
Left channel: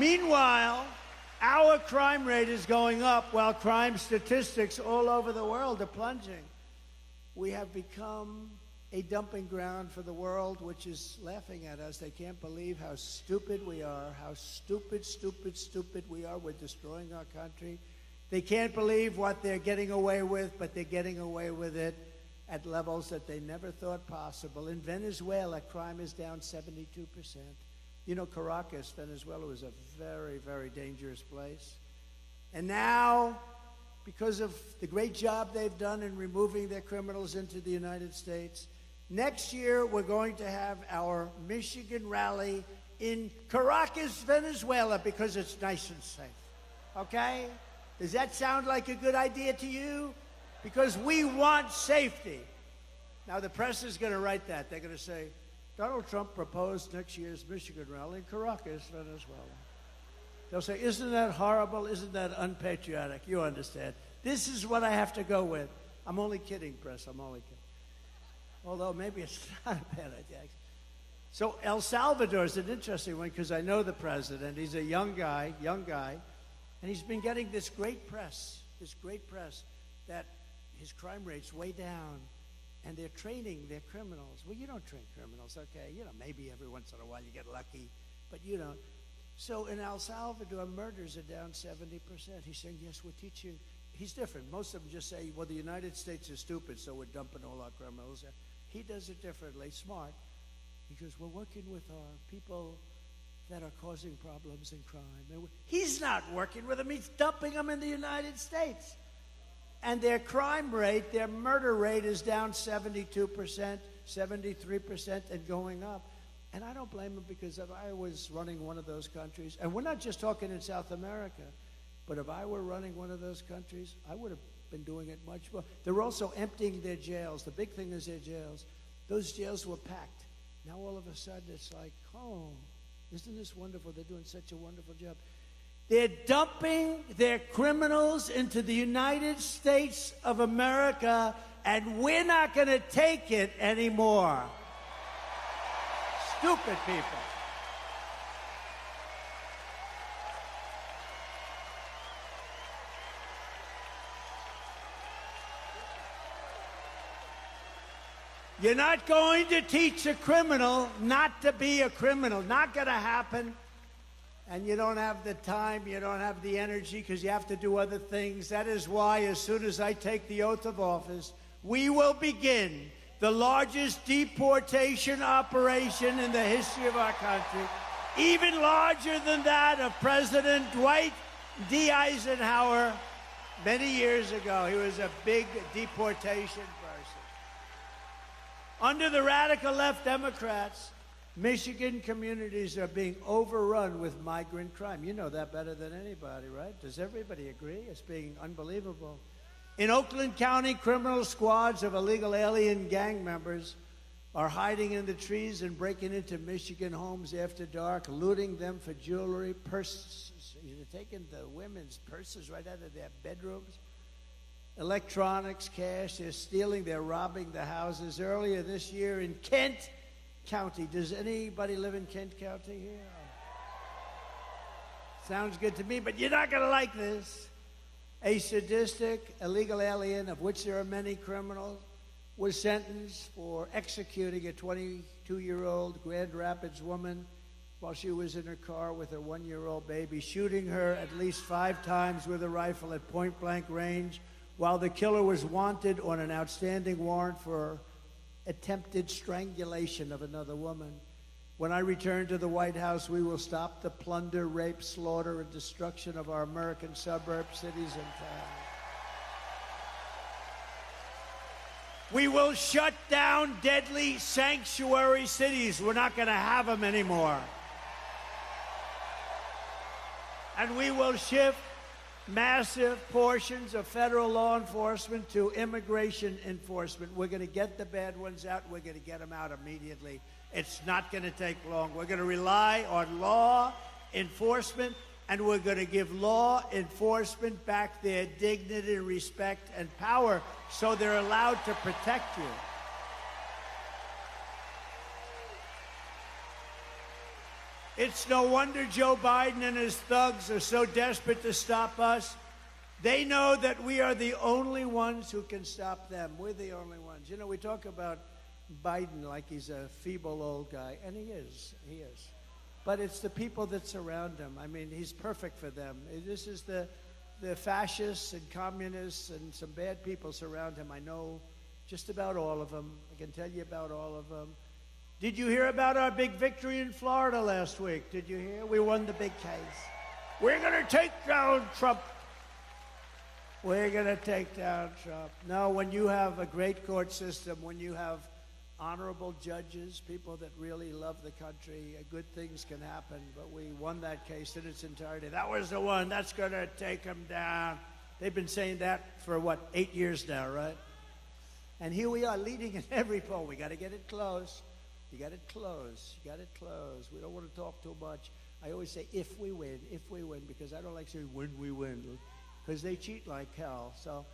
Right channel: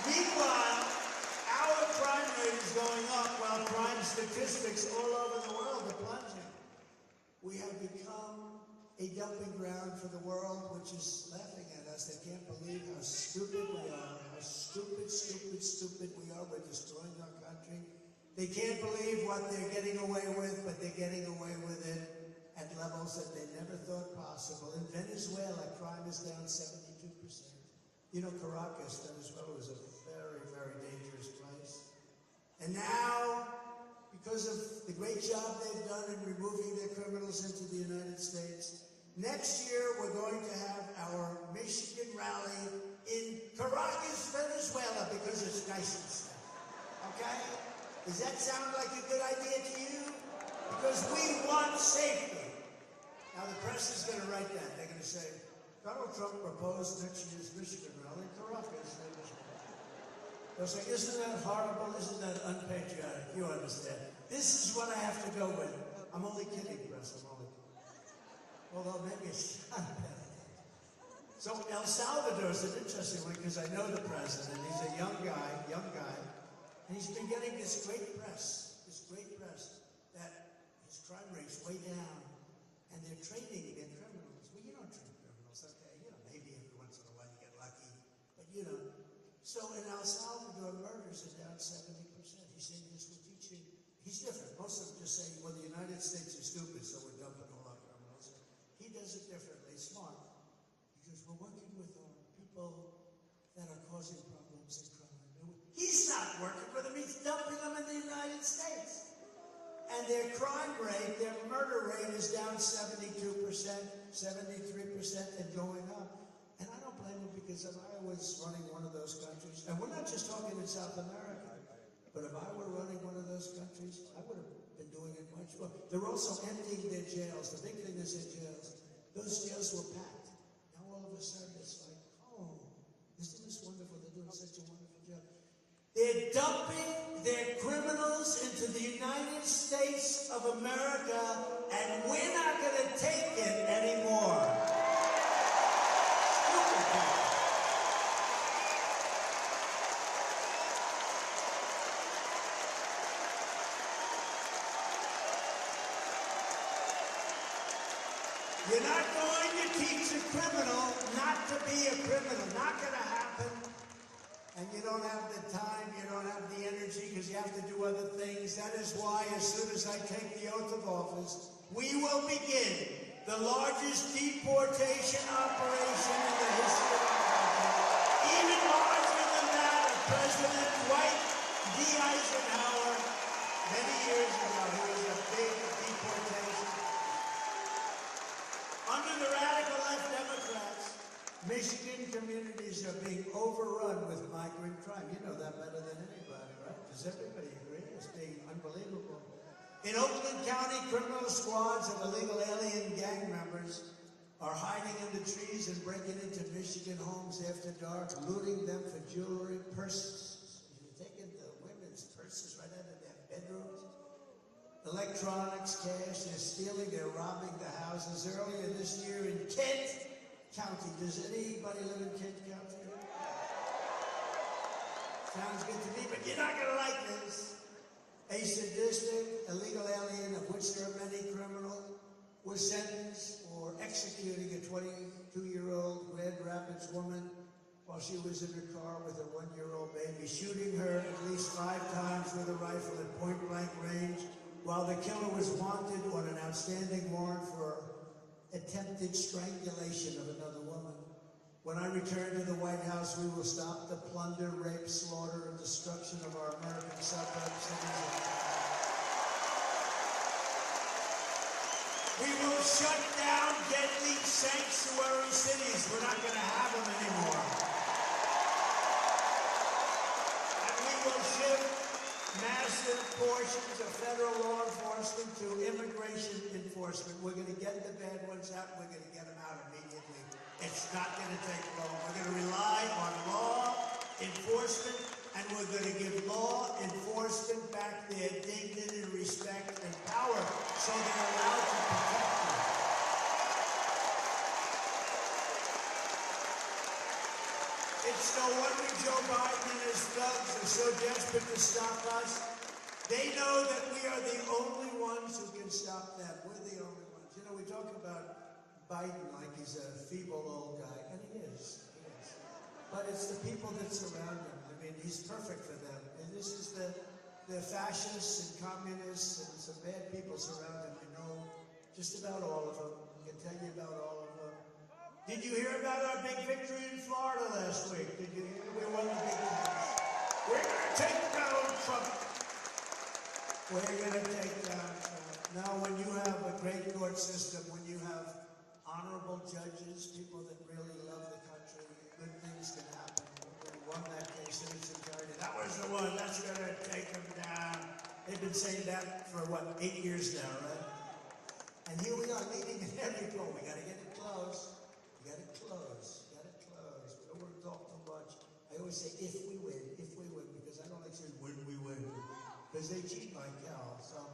Meanwhile, our crime rate is going up while crime statistics all over the world are plunging. We have become a dumping ground for the world, which is laughing at us. They can't believe how stupid we are, how stupid we are. We're destroying our country. They can't believe what they're getting away with, but they're getting away with it at levels that they never thought possible. In Venezuela, crime is down 72%. You know, Caracas, Venezuela, was a very, very dangerous place. And now, because of the great job they've done in removing their criminals into the United States, next year we're going to have our Michigan rally in Caracas, Venezuela, because it's nice and safe. Okay? Does that sound like a good idea to you? Because we want safety. Now the press is going to write that. They're going to say, Donald Trump proposed next year's Michigan rally in Caracas, Venezuela. They'll say, isn't that horrible? Isn't that unpatriotic? You understand. This is what I have to go with. I'm only kidding, press. I'm only kidding. Although maybe it's not a bad idea. So El Salvador is an interesting one because I know the president. He's a young guy, and he's been getting this great press that his crime rate's way down, and they're training their criminals. Well, you don't train criminals, okay? You know, maybe every once in a while you get lucky, but you don't. So in El Salvador, murders are down 70%. He's saying, yes, we'll teach you. He's different. Most of them just say, well, the United States is stupid, so we're dumping all our criminals. He does it differently, smart. He goes, we're working with our people that are causing problems and crime. He's not working with them. He's dumping them in the United States. And their crime rate, their murder rate is down 72%, 73%, and going up. And I don't blame them because if I was running one of those countries, and we're not just talking in South America, but if I were running one of those countries, I would have been doing it much more. They're also emptying their jails. The big thing is their jails. Those jails were packed. Now all of a sudden it's like, oh, isn't this wonderful? They're doing such a wonderful job. They're dumping their criminals into the United States of America, and we're not going to take it anymore. Stupid people. You're not going to teach a criminal not to be a criminal. Not going to happen. And you don't have the time, you don't have the energy, because you have to do other things. That is why, as soon as I take the oath of office, we will begin the largest deportation operation in the history of our country, even larger than that of President Dwight D. Eisenhower many years ago. He was a big deportation person. Under the radical left Democrats, Michigan communities are being overrun with migrant crime. You know that better than anybody, right? Does everybody agree? It's being unbelievable. In Oakland County, criminal squads of illegal alien gang members are hiding in the trees and breaking into Michigan homes after dark, looting them for jewelry, purses. They're taking the women's purses right out of their bedrooms. Electronics, cash, they're stealing, they're robbing the houses. Earlier this year in Kent County. Does anybody live in Kent County here? Sounds good to me, but you're not going to like this. A sadistic illegal alien, of which there are many criminal, was sentenced for executing a 22-year-old Grand Rapids woman while she was in her car with her 1-year-old baby, shooting her at least 5 times with a rifle at point-blank range, while the killer was wanted on an outstanding warrant for attempted strangulation of another woman. When I return to the White House, we will stop the plunder, rape, slaughter, and destruction of our American suburbs, cities, and towns. We will shut down deadly sanctuary cities. We're not going to have them anymore. And we will shift massive portions of federal law enforcement to immigration enforcement. We're going to get the bad ones out. We're going to get them out immediately. It's not going to take long. We're going to rely on law enforcement, and we're going to give law enforcement back their dignity, respect, and power so they're allowed to protect you. It's no wonder Joe Biden and his thugs are so desperate to stop us. They know that we are the only ones who can stop them. We're the only ones. You know, we talk about Biden like he's a feeble old guy, and he is. But it's the people that surround him. I mean, he's perfect for them. This is the fascists and communists and some bad people surround him. I know just about all of them. I can tell you about all of them. Did you hear about our big victory in Florida last week? Did you hear? We won the big case. We're going to take down Trump. We're going to take down Trump. No, when you have a great court system, when you have honorable judges, people that really love the country, good things can happen. But we won that case in its entirety. That was the one. That's going to take him down. They've been saying that for, 8 years now, right? And here we are leading in every poll. We got to get it close. You got it close. You got it close. We don't want to talk too much. I always say if we win, because I don't like saying when we win, because they cheat like hell. So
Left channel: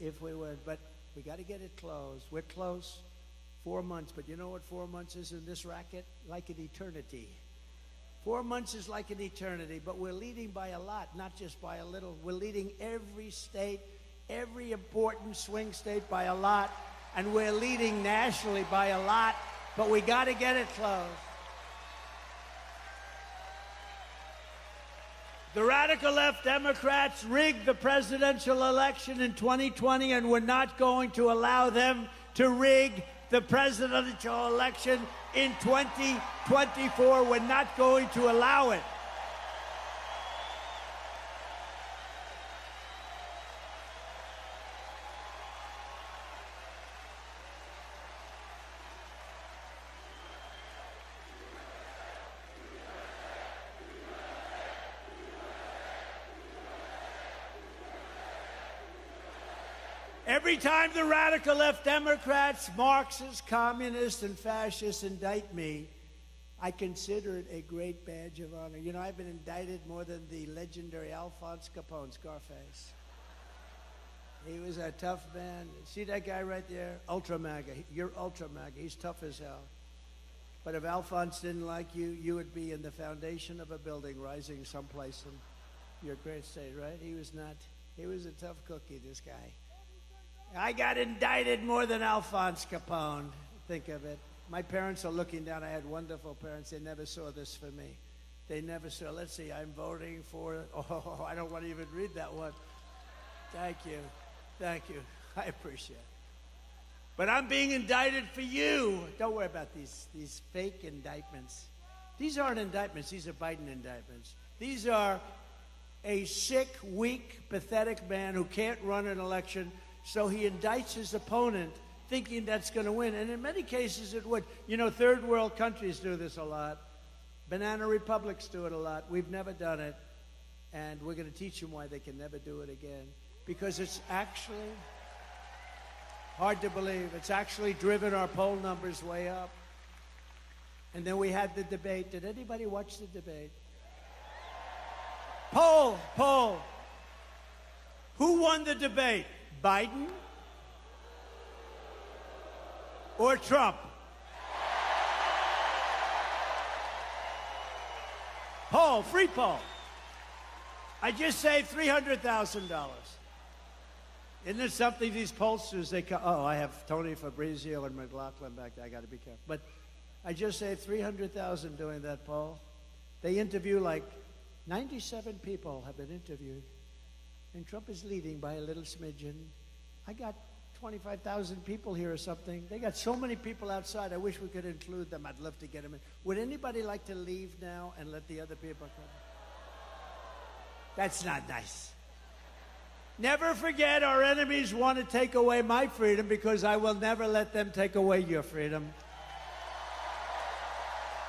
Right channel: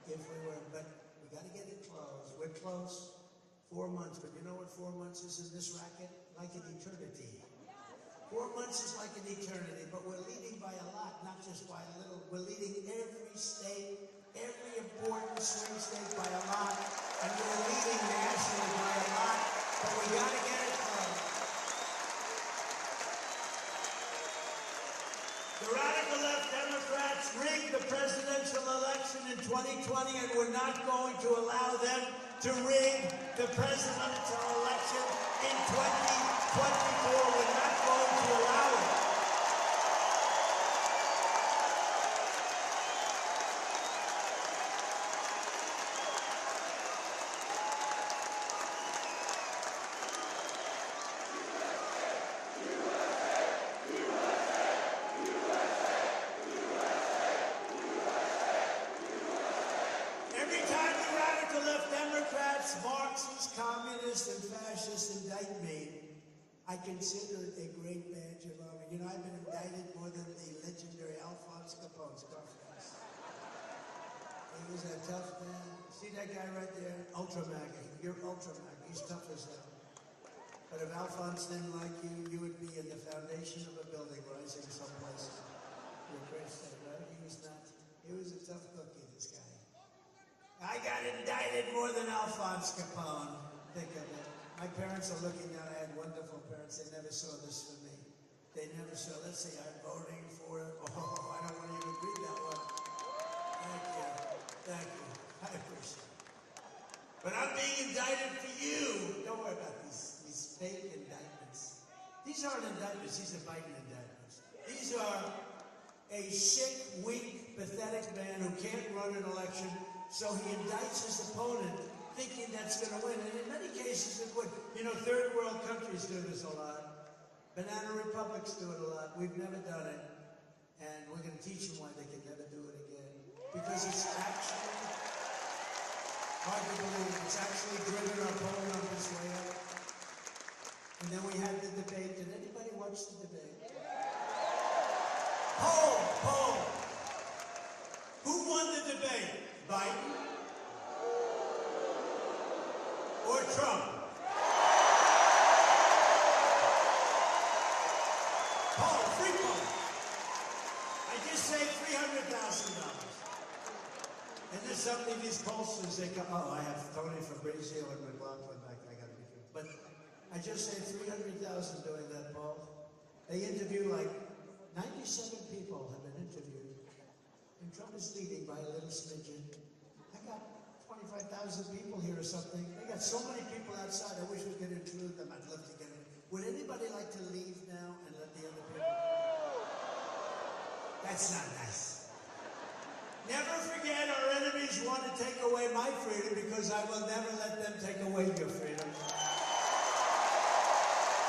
if we win, but we got to get it close. We're close. 4 months, but you know what 4 months is in this racket? Like an eternity. 4 months is like an eternity, but we're leading by a lot, not just by a little. We're leading every state, every important swing state by a lot, and we're leading nationally by a lot, but we got to get it close. The radical left Democrats rigged the presidential election in 2020, and we're not going to allow them to rig the presidential election in 2024. We're not going to allow it. Every time the radical left Democrats, Marxists, communists, and fascists indict me, I consider it a great badge of honor. You know, I've been indicted more than the legendary Alphonse Capone, Scarface. He was a tough man. See that guy right there? Ultra MAGA. You're Ultra MAGA. He's tough as hell. But if Alphonse didn't like you, you would be in the foundation of a building rising someplace in your great state, right? He was not. He was a tough cookie, this guy. I got indicted more than Alphonse Capone. Think of it. My parents are looking down. I had wonderful parents. They never saw this for me. They never saw, let's see, I'm voting for, I don't want to even read that one. Thank you. Thank you. I appreciate it. But I'm being indicted for you. Don't worry about these fake indictments. These aren't indictments. These are Biden indictments. These are a sick, weak, pathetic man who can't run an election. So he indicts his opponent thinking that's going to win. And in many cases it would. You know, third world countries do this a lot. Banana republics do it a lot. We've never done it. And we're going to teach them why they can never do it again. Because it's actually hard to believe. It's actually driven our poll numbers way up. And then we had the debate. Did anybody watch the debate? Poll. Who won the debate? Biden or Trump? Poll, free poll. I just saved $300,000. Isn't it something these pollsters, they come, I have Tony Fabrizio and McLaughlin back there, I gotta be careful. But I just saved $300,000 doing that poll. They interview 97 people have been interviewed. And Trump is leading by a little smidgen. I got 25,000 people here or something. They got so many people outside. I wish we could include them. I'd love to get them in. Would anybody like to leave now and let the other people? That's not nice. Never forget, our enemies want to take away my freedom because I will never let them take away your freedom.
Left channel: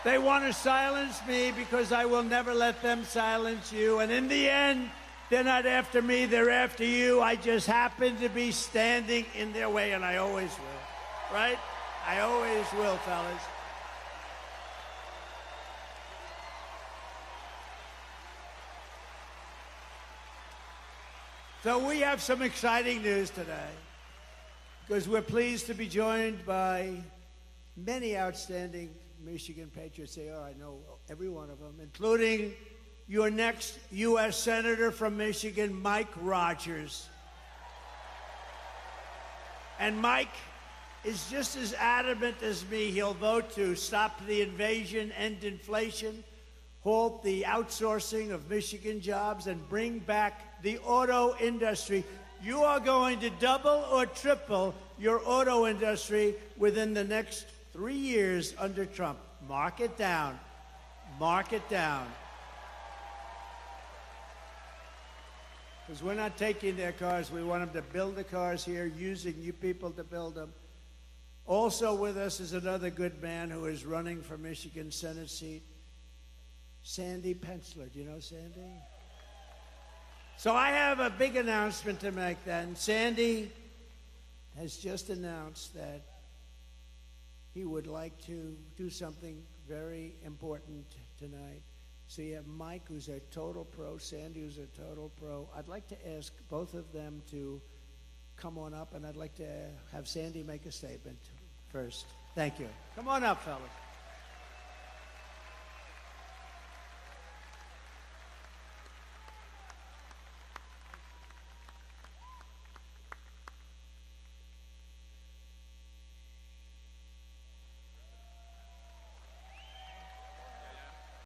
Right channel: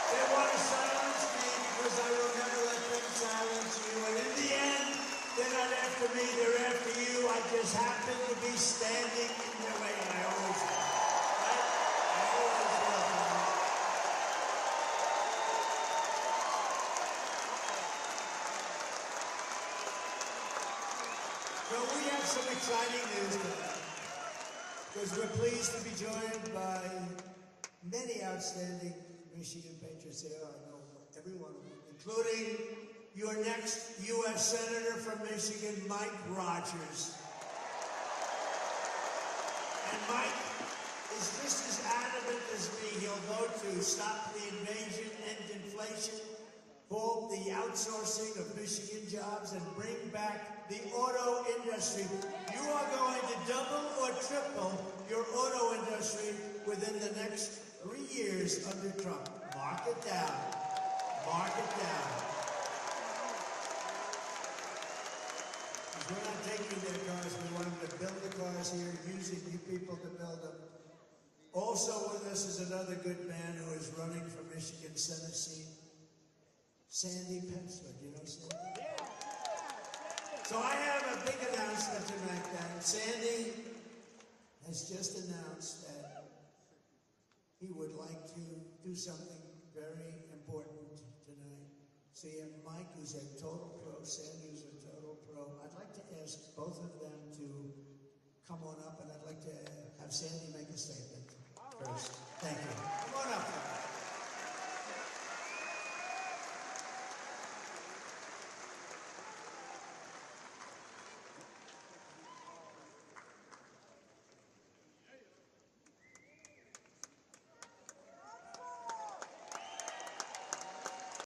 They want to silence me because I will never let them silence you. And in the end, they're not after me, they're after you. I just happen to be standing in their way, and I always will. Right? I always will, fellas. So we have some exciting news today, because we're pleased to be joined by many outstanding Michigan patriots. They are, I know every one of them, including your next U.S. Senator from Michigan, Mike Rogers. And Mike is just as adamant as me. He'll vote to stop the invasion, end inflation, halt the outsourcing of Michigan jobs, and bring back the auto industry. You are going to double or triple your auto industry within the next 3 years under Trump. Mark it down. Mark it down. Because we're not taking their cars. We want them to build the cars here, using you people to build them. Also with us is another good man who is running for Michigan Senate seat, Sandy Penciller. Do you know Sandy? So I have a big announcement to make then. Sandy has just announced that he would like to do something very important tonight. So you have Mike, who's a total pro, Sandy, who's a total pro. I'd like to ask both of them to come on up, and I'd like to have Sandy make a statement first. Thank you. Come on up, fellas.